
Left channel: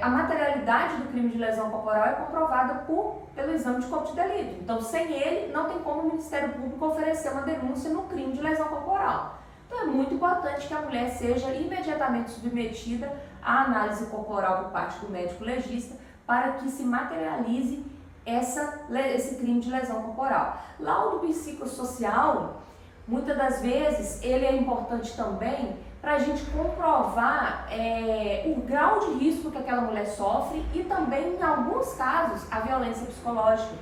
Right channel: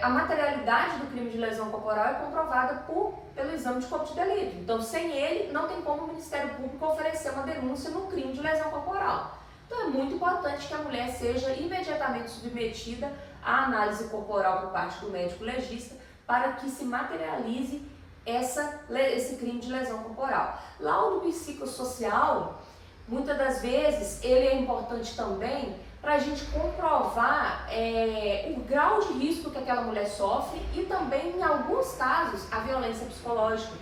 a materialidade do crime de lesão corporal é comprovada pelo exame de corpo de delito. Então, sem ele, não tem como o Ministério Público oferecer uma denúncia no crime de lesão corporal. Então, é muito importante que a mulher seja imediatamente submetida à análise corporal por parte do médico legista para que se materialize esse crime de lesão corporal. Laudo psicossocial, muitas das vezes, ele é importante também para a gente comprovar o grau de risco que aquela mulher sofre e também, em alguns casos, a violência psicológica.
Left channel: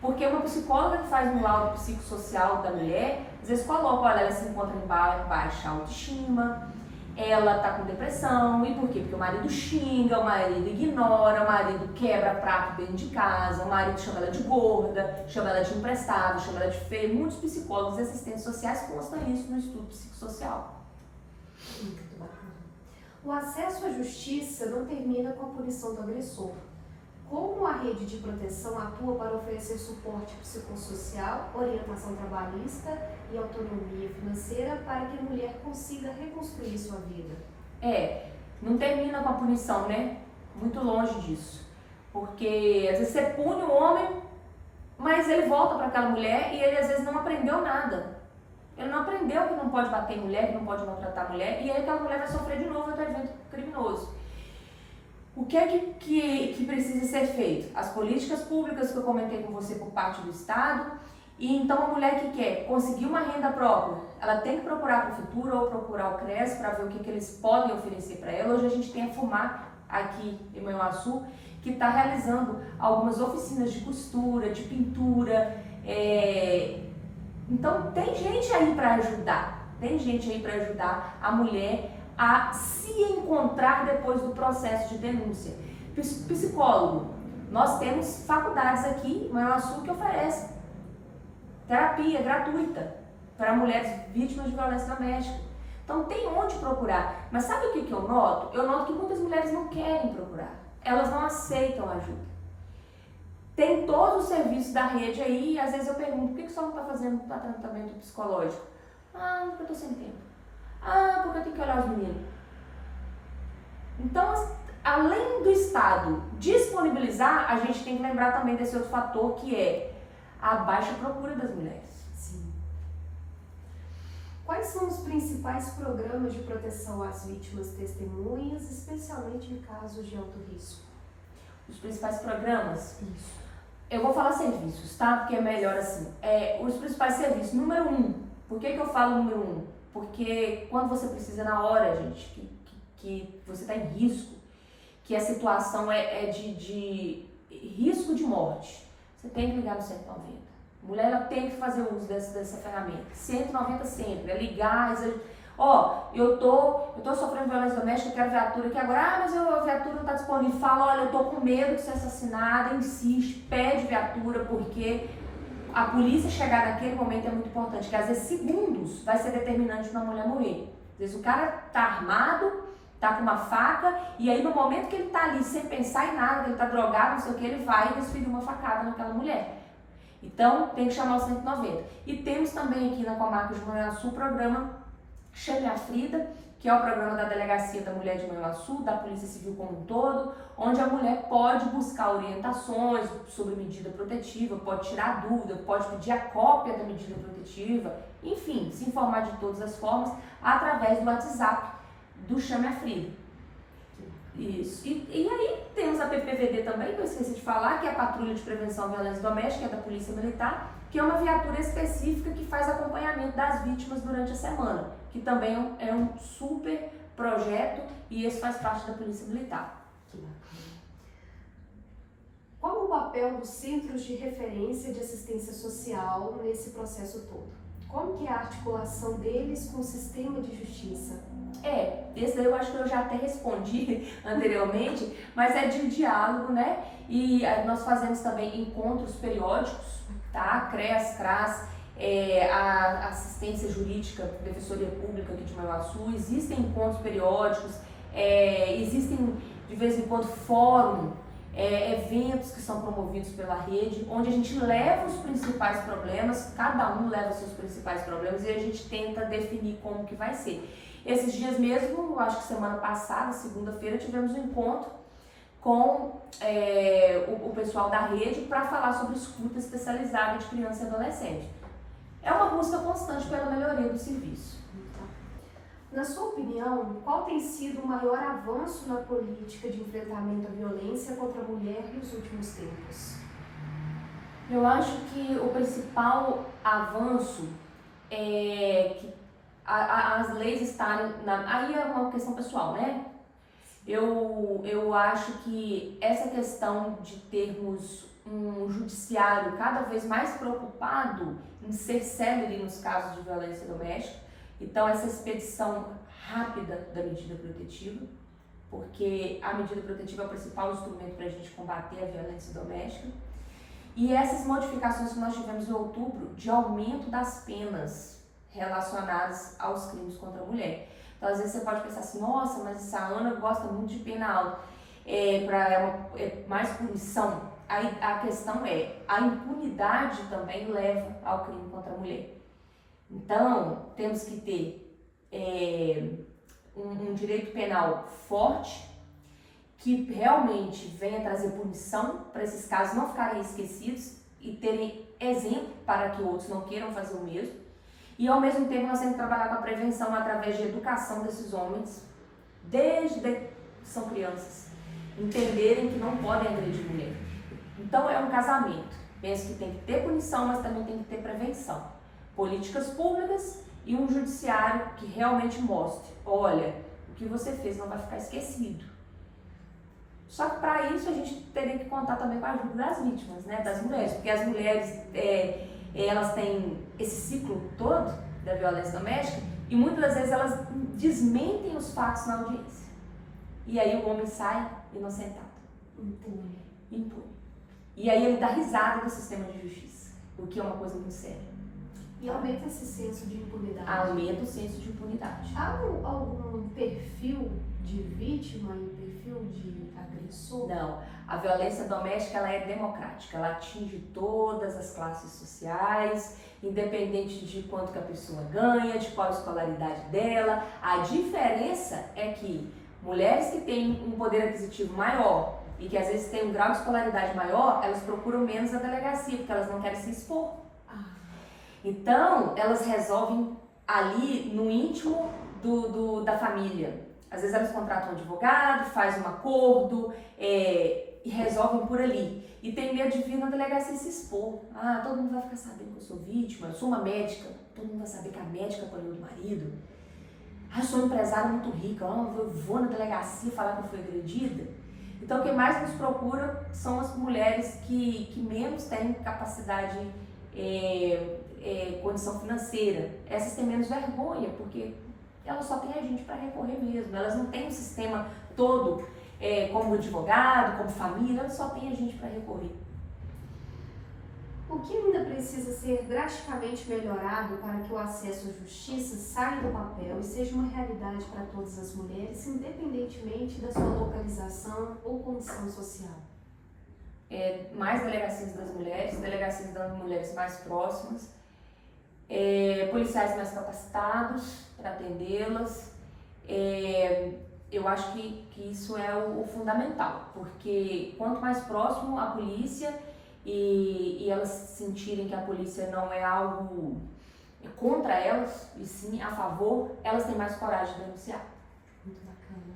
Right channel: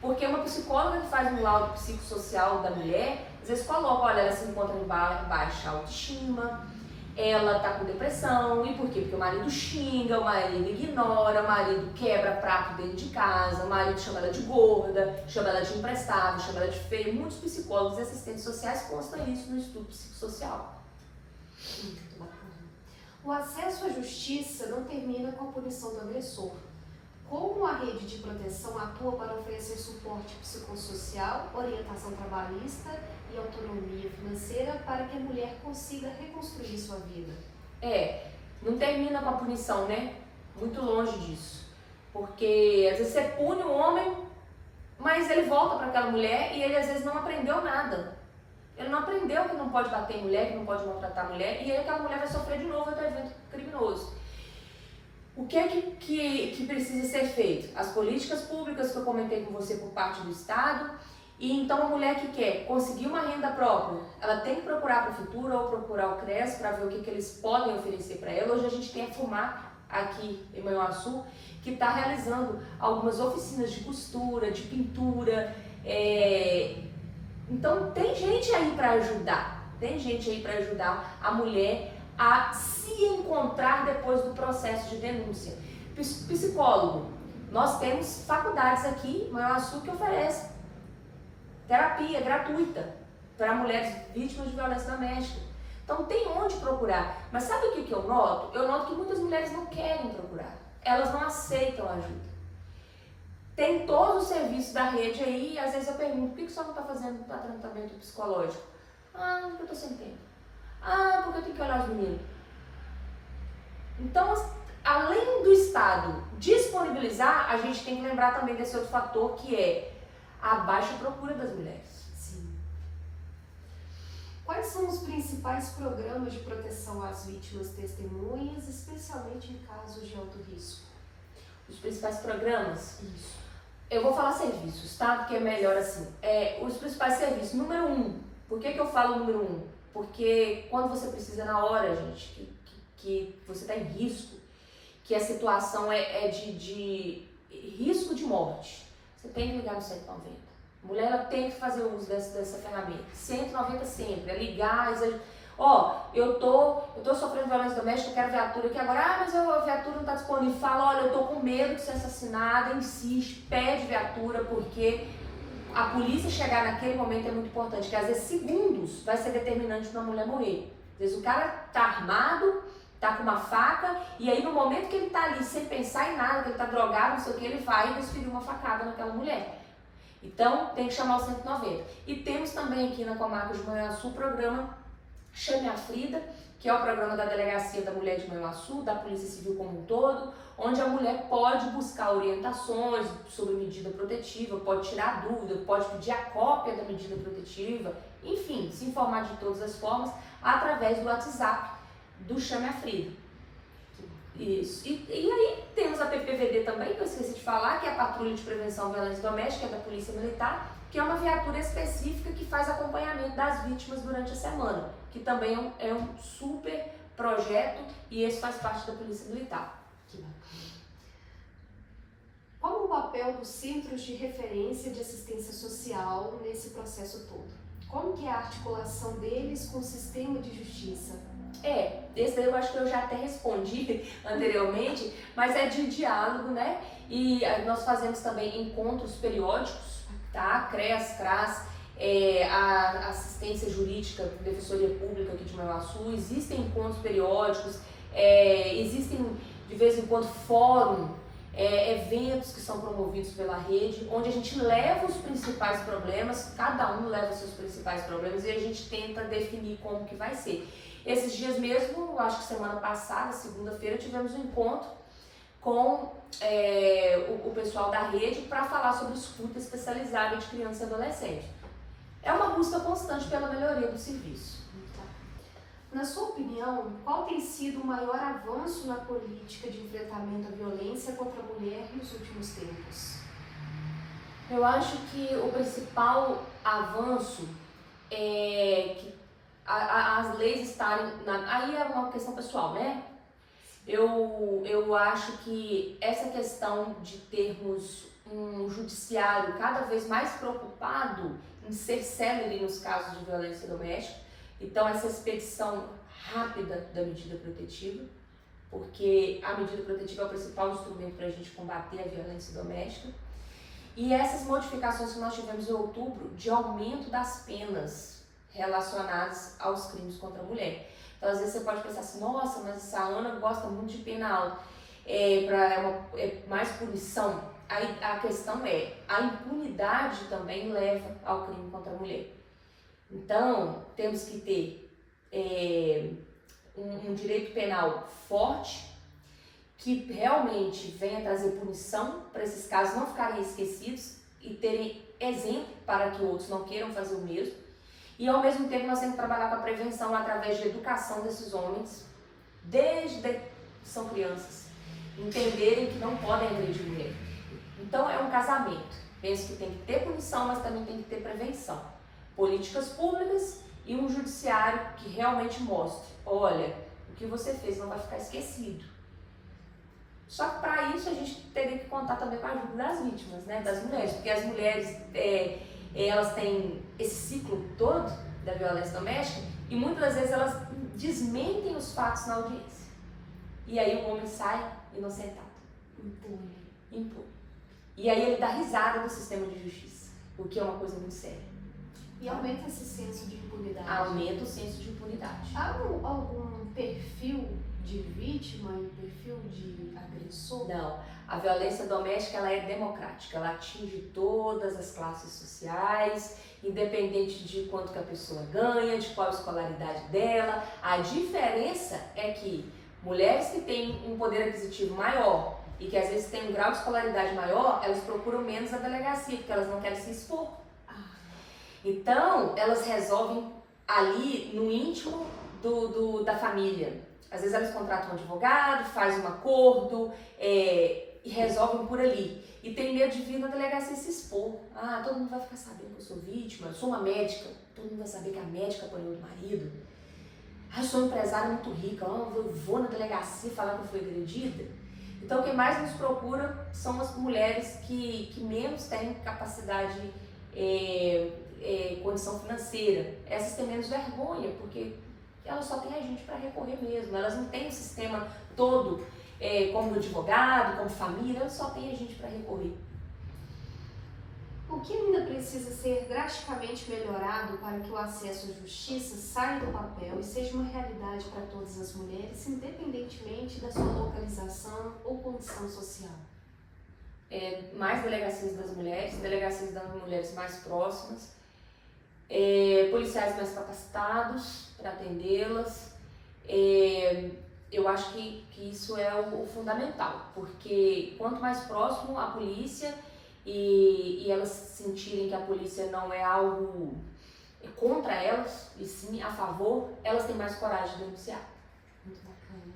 Porque uma psicóloga que faz um laudo psicossocial da mulher, às vezes coloca, olha, ela se encontra em baixa autoestima, ela está com depressão, e por quê? Porque o marido xinga, o marido ignora, o marido quebra prato dentro de casa, o marido chama ela de gorda, chama ela de imprestável, chama ela de feia. Muitos psicólogos e assistentes sociais constam isso no estudo psicossocial. Muito bacana. O acesso à justiça não termina com a punição do agressor. Como a rede de proteção atua para oferecer suporte psicossocial, orientação trabalhista e autonomia financeira para que a mulher consiga reconstruir sua vida? Não termina com a punição, né? Muito longe disso. Porque às vezes você pune o homem, mas ele volta para aquela mulher e ele às vezes não aprendeu nada. Ele não aprendeu que não pode bater em mulher, que não pode maltratar a mulher, e aí aquela mulher vai sofrer de novo outro evento criminoso. O que é que precisa ser feito? As políticas públicas que eu comentei com você por parte do Estado, e então a mulher que quer conseguir uma renda própria, ela tem que procurar a Prefeitura ou procurar o CRES para ver o que eles podem oferecer para ela. Hoje a gente tem a FUMAC aqui em Manhuaçu, que está realizando algumas oficinas de costura, de pintura, Então tem gente aí para ajudar, a mulher a se encontrar depois do processo de denúncia. Psicólogo, nós temos faculdades aqui em Manhuaçu que oferecem terapia gratuita para mulheres vítimas de violência doméstica. Então tem onde procurar, mas sabe o que eu noto? Eu noto que muitas mulheres não querem procurar, elas não aceitam ajuda. Tem todo o serviço da rede aí, e às vezes eu pergunto, por que você não está fazendo tratamento psicológico? Porque eu estou sem tempo. Porque eu tenho que olhar os meninos. Então, além do Estado disponibilizar, a gente tem que lembrar também desse outro fator, que é a baixa procura das mulheres. Sim. Quais são os principais programas de proteção às vítimas testemunhas, especialmente em casos de alto risco? Os principais programas? Isso. Eu vou falar serviços, tá? Porque é melhor assim. Os principais serviços. Número 1. Por que eu falo número 1? Porque quando você precisa na hora, gente, que você está em risco, que a situação é de risco de morte, você tem que ligar no 190. A mulher ela tem que fazer uso dessa ferramenta. 190 sempre, é ligar, eu tô sofrendo violência doméstica, eu quero viatura aqui agora, mas a viatura não está disponível. Fala, olha, eu tô com medo de ser assassinada, insiste, pede viatura, porque a polícia chegar naquele momento é muito importante, que às vezes segundos vai ser determinante para uma mulher morrer. Às vezes o cara tá armado, tá com uma faca, e aí no momento que ele tá ali sem pensar em nada, que ele tá drogado, não sei o que, ele vai e desfere uma facada naquela mulher. Então tem que chamar o 190. E temos também aqui na comarca de Manhuaçu o programa Chame a Frida, que é o programa da Delegacia da Mulher de Manhuaçu, da Polícia Civil como um todo, onde a mulher pode buscar orientações sobre medida protetiva, pode tirar dúvida, pode pedir a cópia da medida protetiva, enfim, se informar de todas as formas através do WhatsApp do Chame a Frida. Isso. E aí temos a PPVD também, que eu esqueci de falar, que é a Patrulha de Prevenção à Violência Doméstica, que é da Polícia Militar, que é uma viatura específica que faz acompanhamento das vítimas durante a semana, que também é um super projeto e esse faz parte da Polícia Militar. Qual o papel dos centros de referência de assistência social nesse processo todo? Como que é a articulação deles com o sistema de justiça? Esse eu acho que eu já até respondi anteriormente, mas é de diálogo, né? E nós fazemos também encontros periódicos, tá? CREAS, CRAS, a assistência jurídica, defensoria pública aqui de Manhuaçu, existem encontros periódicos, existem de vez em quando fórum, eventos que são promovidos pela rede, onde a gente leva os principais problemas, cada um leva os seus principais problemas e a gente tenta definir como que vai ser. Esses dias mesmo, acho que semana passada, segunda-feira, tivemos um encontro com o pessoal da rede para falar sobre escuta especializada de criança e adolescente. É uma busca constante pela melhoria do serviço. Na sua opinião, qual tem sido o maior avanço na política de enfrentamento à violência contra a mulher nos últimos tempos? Eu acho que o principal avanço é que as leis estarem... Aí é uma questão pessoal, né? Eu acho que essa questão de termos um judiciário cada vez mais preocupado em ser célere nos casos de violência doméstica, então essa expedição rápida da medida protetiva, porque a medida protetiva é o principal instrumento para a gente combater a violência doméstica, e essas modificações que nós tivemos em outubro de aumento das penas relacionadas aos crimes contra a mulher. Então, às vezes você pode pensar assim, nossa, mas essa Ana gosta muito de pena alta, mais punição. Aí a questão a impunidade também leva ao crime contra a mulher. Então, temos que ter um direito penal forte, que realmente venha trazer punição para esses casos não ficarem esquecidos e terem exemplo para que outros não queiram fazer o mesmo. E ao mesmo tempo nós temos que trabalhar com a prevenção através de educação desses homens, desde que são crianças, entenderem que não podem agredir mulher. Então é um casamento. Penso que tem que ter punição, mas também tem que ter prevenção. Políticas públicas e um judiciário que realmente mostre, olha, o que você fez não vai ficar esquecido. Só que para isso a gente teria que contar também com a ajuda das vítimas, né, das mulheres, porque as mulheres elas têm esse ciclo todo da violência doméstica e muitas das vezes elas desmentem os fatos na audiência. E aí o homem sai inocentado. Impune. E aí ele dá risada do sistema de justiça, o que é uma coisa muito séria. E aumenta esse senso de impunidade. Aumenta o senso de impunidade. Há algum perfil de vítima e perfil de agressor? Não. A violência doméstica ela é democrática, ela atinge todas as classes sociais, independente de quanto que a pessoa ganha, de qual a escolaridade dela. A diferença é que mulheres que têm um poder aquisitivo maior e que às vezes têm um grau de escolaridade maior, elas procuram menos a delegacia, porque elas não querem se expor. Então, elas resolvem ali no íntimo da família. Às vezes elas contratam um advogado, faz um acordo e resolvem por ali. E tem medo de vir na delegacia se expor. Ah, todo mundo vai ficar sabendo que eu sou vítima, eu sou uma médica, todo mundo vai saber que a médica apanhou do marido. Ah, eu sou uma empresária muito rica, eu vou na delegacia falar que eu fui agredida. Então, quem mais nos procura são as mulheres que menos têm capacidade, condição financeira. Essas têm menos vergonha, porque elas só têm a gente para recorrer mesmo. Elas não têm o sistema todo, como advogado, como família, elas só têm a gente para recorrer. O que ainda precisa ser drasticamente melhorado para que o acesso à justiça saia do papel e seja uma realidade para todas as mulheres, independentemente da sua localização ou condição social? Mais delegacias das mulheres mais próximas, policiais mais capacitados para atendê-las. Eu acho que isso é o fundamental, porque quanto mais próximo a polícia e elas sentirem que a polícia não é algo contra elas, e sim a favor, elas têm mais coragem de denunciar. Muito bacana.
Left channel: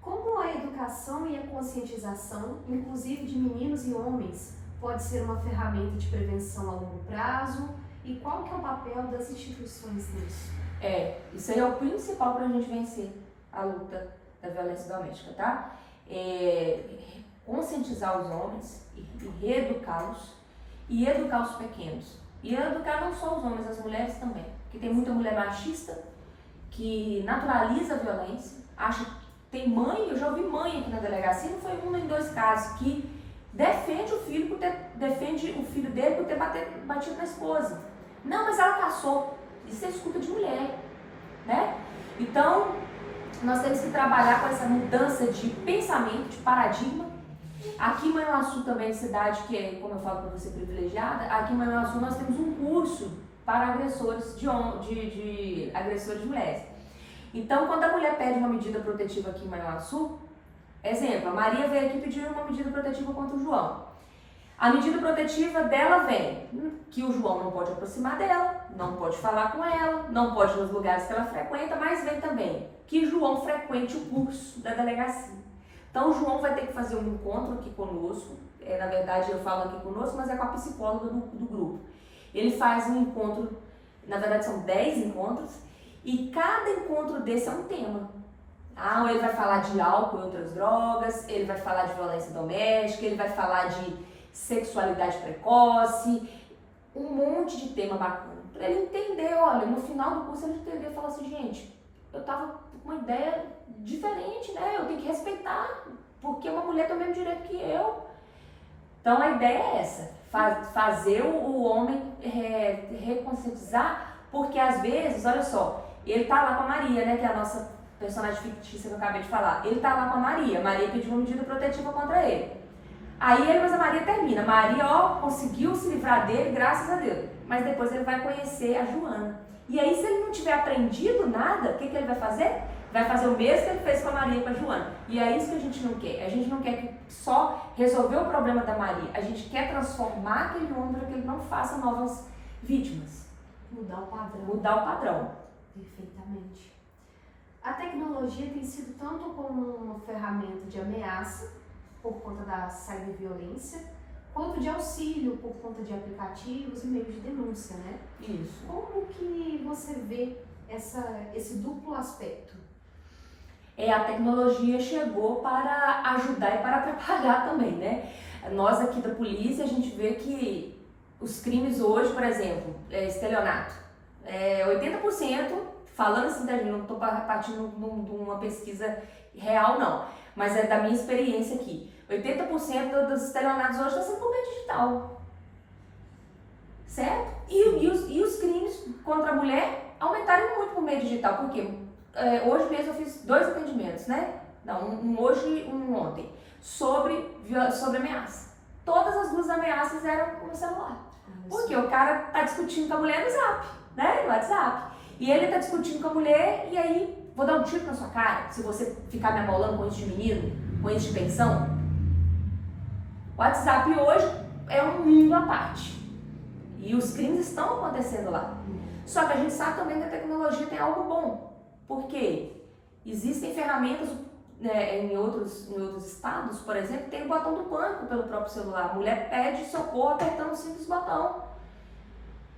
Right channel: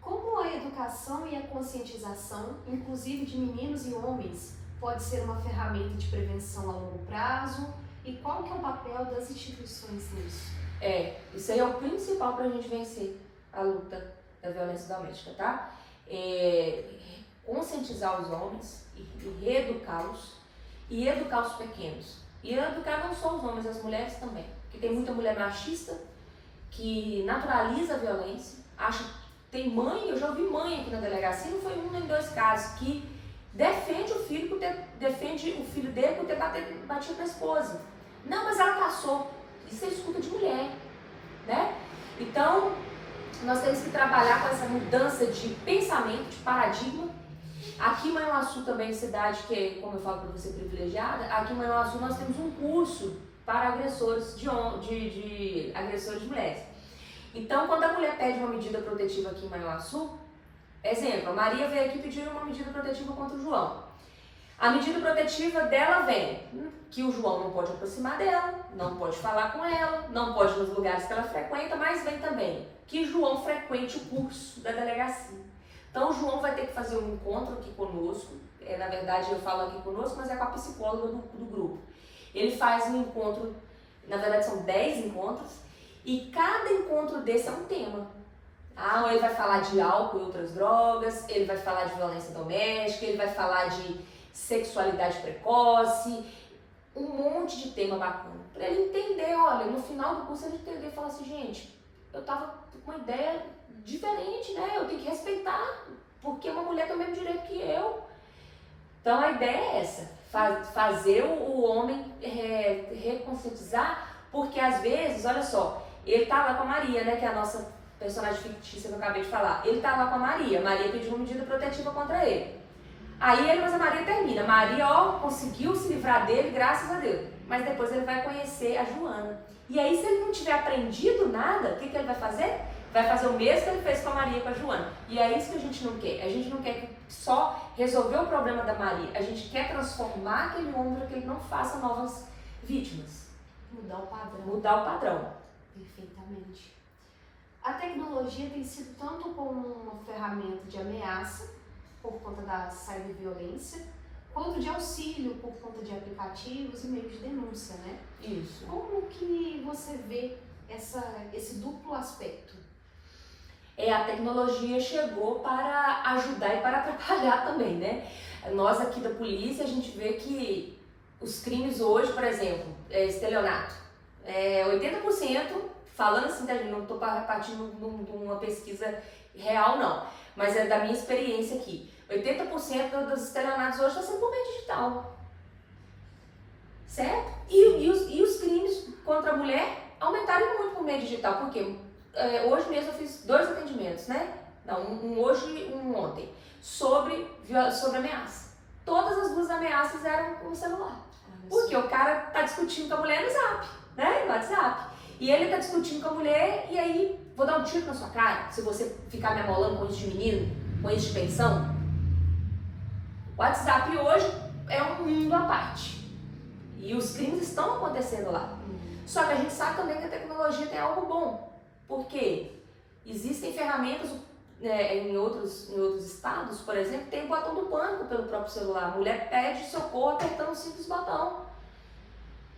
Como a educação e a conscientização, inclusive de meninos e homens, pode ser uma ferramenta de prevenção a longo prazo e qual que é o papel das instituições nisso? Isso aí é o principal para a gente vencer a luta da violência doméstica, tá? Conscientizar os homens e reeducá-los e educar os pequenos. E educar não só os homens, as mulheres também. Porque tem muita mulher machista que naturaliza a violência, acha que tem mãe, eu já ouvi mãe aqui na delegacia, não foi um nem dois casos, que defende o filho dele por ter batido na esposa. Não, mas ela caçou. Isso é escuta de mulher, né? Então, nós temos que trabalhar com essa mudança de pensamento, de paradigma. Aqui em Manhuaçu também, cidade que é, como eu falo para você, privilegiada, aqui em Manhuaçu nós temos um curso para agressores de agressores de mulheres. Então, quando a mulher pede uma medida protetiva aqui em Manhuaçu, exemplo, a Maria veio aqui pedir uma medida protetiva contra o João. A medida protetiva dela vem que o João não pode aproximar dela, não pode falar com ela, não pode ir nos lugares que ela frequenta, mas vem também que o João frequente o curso da delegacia. Então, o João vai ter que fazer um encontro aqui conosco, na verdade eu falo aqui conosco, mas é com a psicóloga do grupo. Ele faz um encontro, na verdade são 10 encontros, e cada encontro desse é um tema. Ele vai falar de álcool e outras drogas, ele vai falar de violência doméstica, ele vai falar de sexualidade precoce, um monte de tema bacana. Para ele entender, olha, no final do curso ele entender e falar assim, gente, eu tava com uma ideia diferente, né? Eu tenho que respeitar, porque uma mulher tem o mesmo direito que eu. Então a ideia é essa, fazer o homem reconscientizar, porque às vezes, olha só, ele tá lá com a Maria, né, que é a nossa personagem fictícia que eu acabei de falar. Ele tá lá com a Maria pediu uma medida protetiva contra ele. Aí ele, mas a Maria termina. Maria, conseguiu se livrar dele, graças a Deus. Mas depois ele vai conhecer a Joana. E aí, se ele não tiver aprendido nada, o que ele vai fazer? Vai fazer o mesmo que ele fez com a Maria e com a Joana. E é isso que a gente não quer. A gente não quer só resolver o problema da Maria. A gente quer transformar aquele homem para que ele não faça novas vítimas. Mudar o padrão. Mudar o padrão. Perfeitamente. A tecnologia tem sido tanto como uma ferramenta de ameaça, por conta da cyberviolência, quanto de auxílio por conta de aplicativos e meios de denúncia, né? Isso. Como que você vê esse duplo aspecto? A tecnologia chegou para ajudar e para atrapalhar também, né? Nós aqui da polícia, a gente vê que os crimes hoje, por exemplo, estelionato, 80%, falando assim, não estou partindo de uma pesquisa real, não, mas é da minha experiência aqui. 80% dos estelionatos hoje estão sendo por meio digital, certo? E os crimes contra a mulher aumentaram muito por meio digital, por quê? Hoje mesmo eu fiz 2 atendimentos, né? Não, um hoje e um ontem, sobre ameaça. Todas as 2 ameaças eram com o celular, porque o cara tá discutindo com a mulher no Zap, né? No WhatsApp. E ele tá discutindo com a mulher e aí, vou dar um tiro na sua cara se você ficar me amolando com isso de menino, com isso de pensão. O WhatsApp hoje é um mundo à parte. E os crimes estão acontecendo lá. Só que a gente sabe também que a tecnologia tem algo bom. Por quê? Existem ferramentas, né, em outros estados, por exemplo, tem o botão do pânico pelo próprio celular. A mulher pede socorro apertando o simples botão.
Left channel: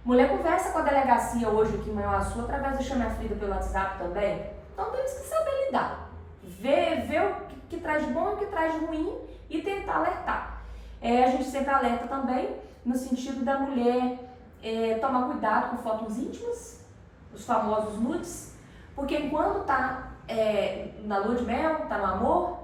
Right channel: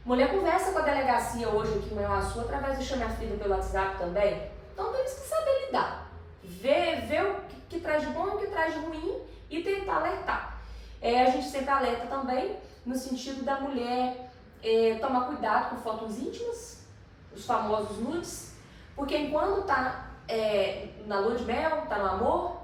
Mulher conversa com a delegacia hoje aqui em Manhuaçu através do Chame a Frida pelo WhatsApp também. Então temos que saber lidar. Ver o que traz de bom e o que traz de ruim e tentar alertar. A gente sempre alerta também no sentido da mulher tomar cuidado com fotos íntimas, os famosos nudes, porque enquanto está na lua de mel, está no amor,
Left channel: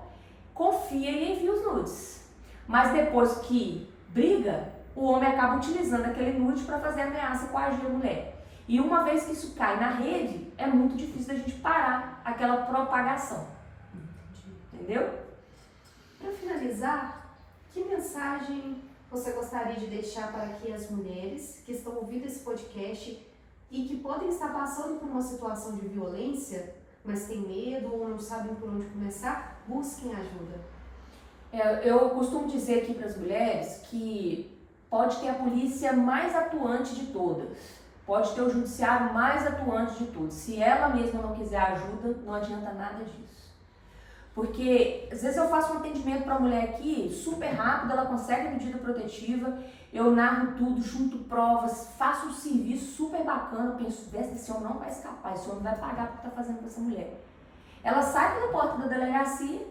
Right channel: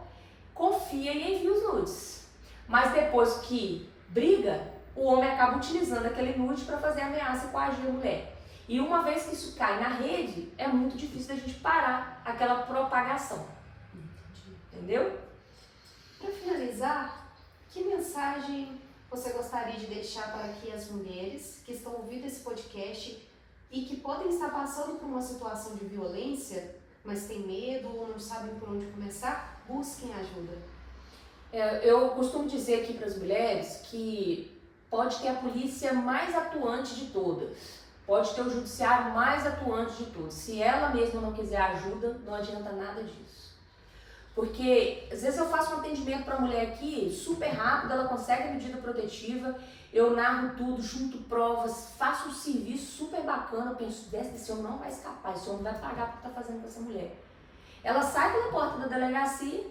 confia e envia os nudes. Mas depois que briga, o homem acaba utilizando aquele nude para fazer ameaça e coagir a mulher. E uma vez que isso cai na rede, é muito difícil da gente parar aquela propagação. Entendeu? Para finalizar, que mensagem você gostaria de deixar para que as mulheres que estão ouvindo esse podcast e que podem estar passando por uma situação de violência, mas têm medo ou não sabem por onde começar, busquem ajuda? Eu costumo dizer aqui para as mulheres que pode ter a polícia mais atuante de todas, pode ter o judiciário mais atuante de todos. Se ela mesma não quiser ajuda, não adianta nada disso. Porque às vezes eu faço um atendimento para a mulher aqui, super rápido, ela consegue a medida protetiva, eu narro tudo, junto provas, faço um serviço super bacana, eu penso, esse homem não vai escapar, esse homem vai pagar por que está fazendo com essa mulher. Ela sai pela porta da delegacia,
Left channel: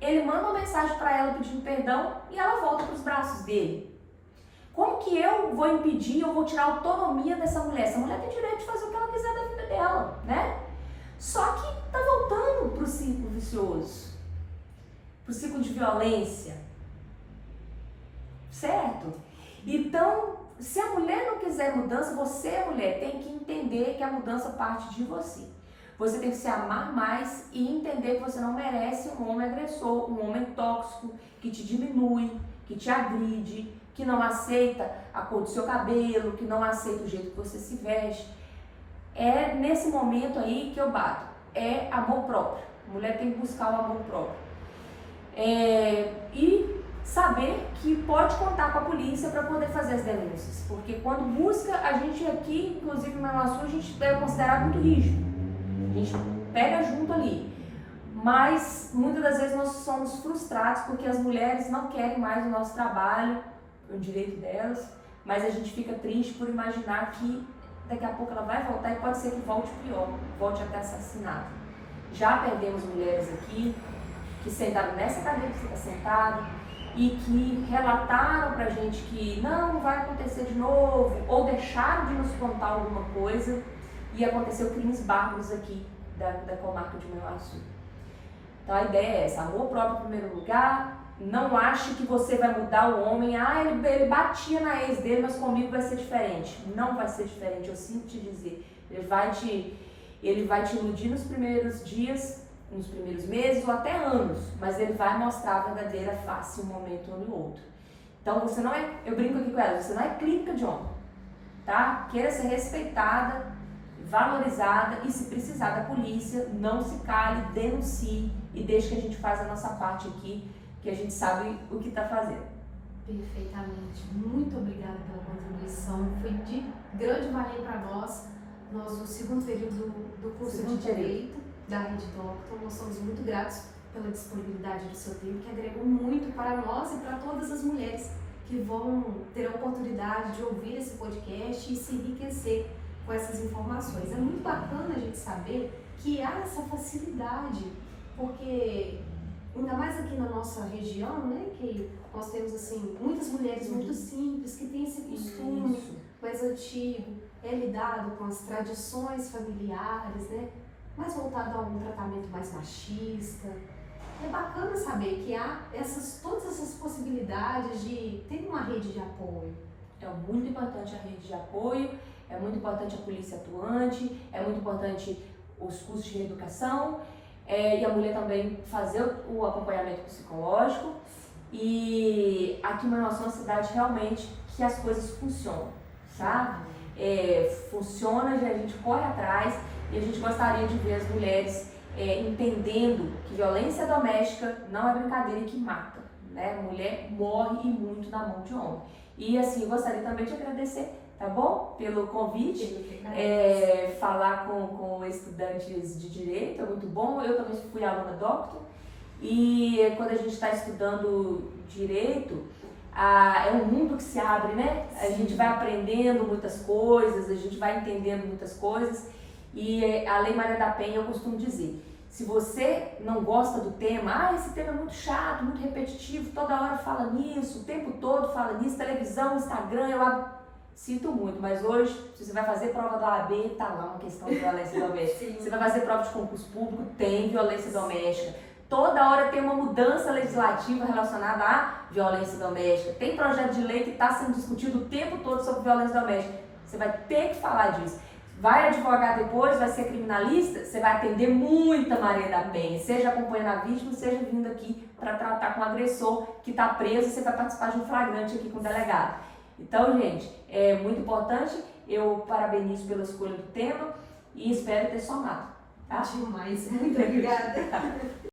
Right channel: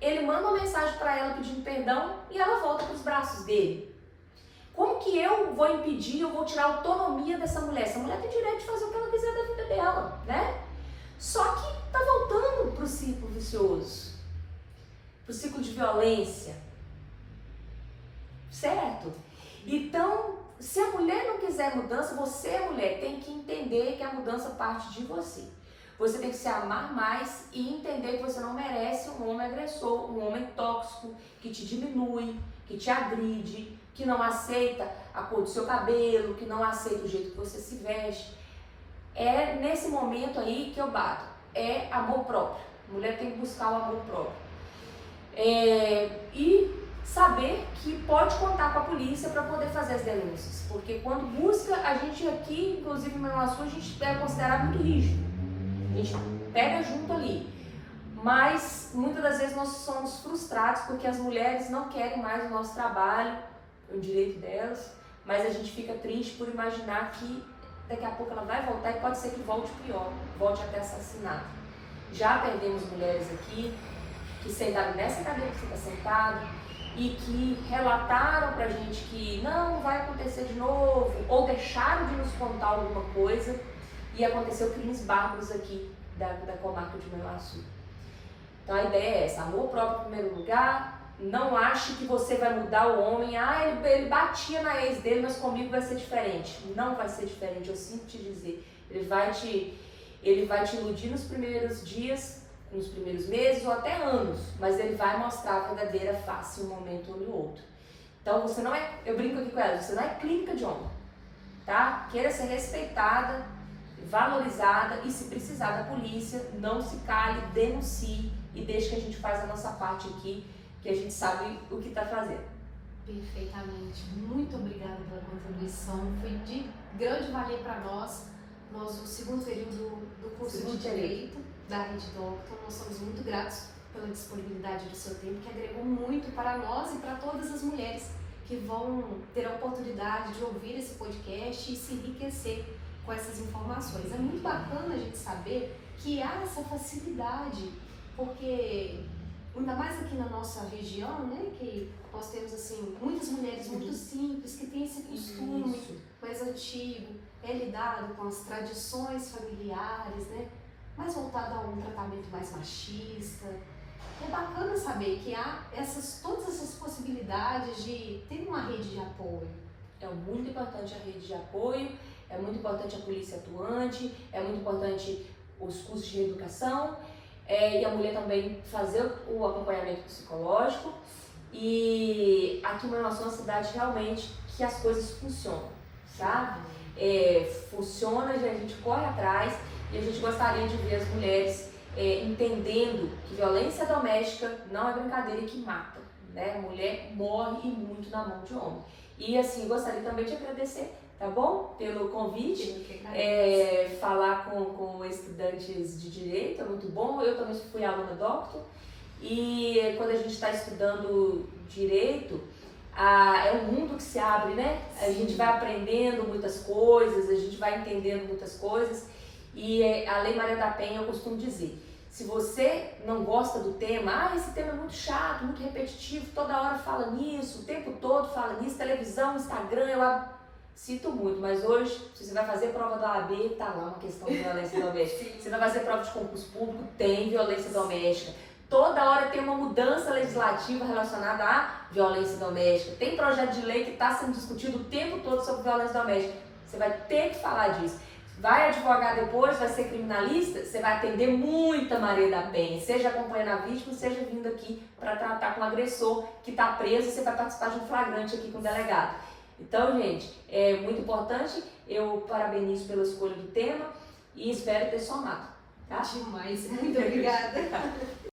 ele manda uma mensagem para ela pedindo perdão e ela volta para os braços dele. Como que eu vou impedir, eu vou tirar a autonomia dessa mulher? Essa mulher tem direito de fazer o que ela quiser da vida dela, né? Só que tá voltando pro ciclo vicioso, pro ciclo de violência, certo? Então, se a mulher não quiser mudança, você, mulher, tem que entender que a mudança parte de você. Você tem que se amar mais e entender que você não merece um homem agressor, um homem tóxico, que te diminui, que te agride, que não aceita a cor do seu cabelo, que não aceita o jeito que você se veste. É nesse momento aí que eu bato. É amor próprio. A mulher tem que buscar o amor próprio. E saber que pode contar com a polícia para poder fazer as denúncias. Porque quando busca, a gente aqui, inclusive em Manhuaçu, a gente é considerado muito rígido. A gente pega junto ali. Mas muitas das vezes nós somos frustrados porque as mulheres não querem mais o nosso trabalho, o direito delas, mas a gente fica triste por imaginar que daqui a pouco ela vai voltar e pode ser que volte pior, volte até assassinato. Já perdemos mulheres aqui que sentaram nessa cadeira que você está sentado e que relataram pra gente que não vai acontecer de novo, ou deixaram de nos contar alguma coisa e aconteceu crimes bárbaros aqui da comarca de Manhuaçu. Então a ideia é essa, amor próprio em primeiro lugar. Não ache que você vai mudar o homem. Ele batia na ex dele, mas comigo vai ser diferente. Não vai ser diferente, eu sinto te dizer. Ele vai te iludir nos primeiros dias, nos primeiros meses ou até anos, mas ele vai mostrar a verdadeira face em um momento ou no outro. Então você não é, eu brinco aqui com ela, você não é clínica de homem, tá? Queira ser respeitada, valorizada e se precisar da polícia, não se cale, denuncie e deixe que a gente faz a nossa parte aqui, que a gente sabe o que está fazendo. Perfeitamente. Muito obrigada pela contribuição. Foi de grande valia para nós. Nós, no segundo período do curso de Direito da Rede Doctor, nós somos muito gratos pela disponibilidade do seu tempo, que agregou muito para nós e para todas as mulheres que vão ter a oportunidade de ouvir esse podcast e se enriquecer com essas informações. É muito bacana a gente saber que há essa facilidade, porque ainda mais aqui na nossa região, né, que nós temos assim muitas mulheres muito simples que têm esse costume mais antigo, lidado com as tradições familiares, né, mais voltado a um tratamento mais machista. É bacana saber que há todas essas possibilidades de ter uma rede de apoio. É muito importante a rede de apoio, é muito importante a polícia atuante, é muito importante os cursos de reeducação. E a mulher também fazer o acompanhamento psicológico. E aqui em Manhuaçu é uma cidade realmente que as coisas funcionam, sabe? Funciona, a gente corre atrás e a gente gostaria de ver as mulheres entendendo que violência doméstica não é brincadeira e que mata, né? Mulher morre e muito na mão de homem. E assim, gostaria também de agradecer tá bom? Pelo convite. Falar com estudantes de Direito é muito bom. Eu também fui aluna doctor. E quando a gente está estudando Direito, é um mundo que se abre, né? Sim. A gente vai aprendendo muitas coisas, a gente vai entendendo muitas coisas. E a Lei Maria da Penha, eu costumo dizer, se você não gosta do tema, esse tema é muito chato, muito repetitivo, toda hora fala nisso, o tempo todo fala nisso, televisão, Instagram, sinto muito, mas hoje, se você vai fazer prova da OAB, tá lá uma questão de violência doméstica. Você vai fazer prova de concurso público, tem violência doméstica. Toda hora tem uma mudança legislativa relacionada à violência doméstica. Tem projeto de lei que está sendo discutido o tempo todo sobre violência doméstica. Você vai ter que falar disso. Vai advogar depois, vai ser criminalista, você vai atender muita Maria da Penha, seja acompanhando a vítima, seja vindo aqui para tratar com o agressor que está preso, você vai participar de um flagrante aqui com o delegado. Então, gente, é muito importante, eu parabenizo pela escolha do tema e espero ter somado. Tá? Demais, muito obrigada.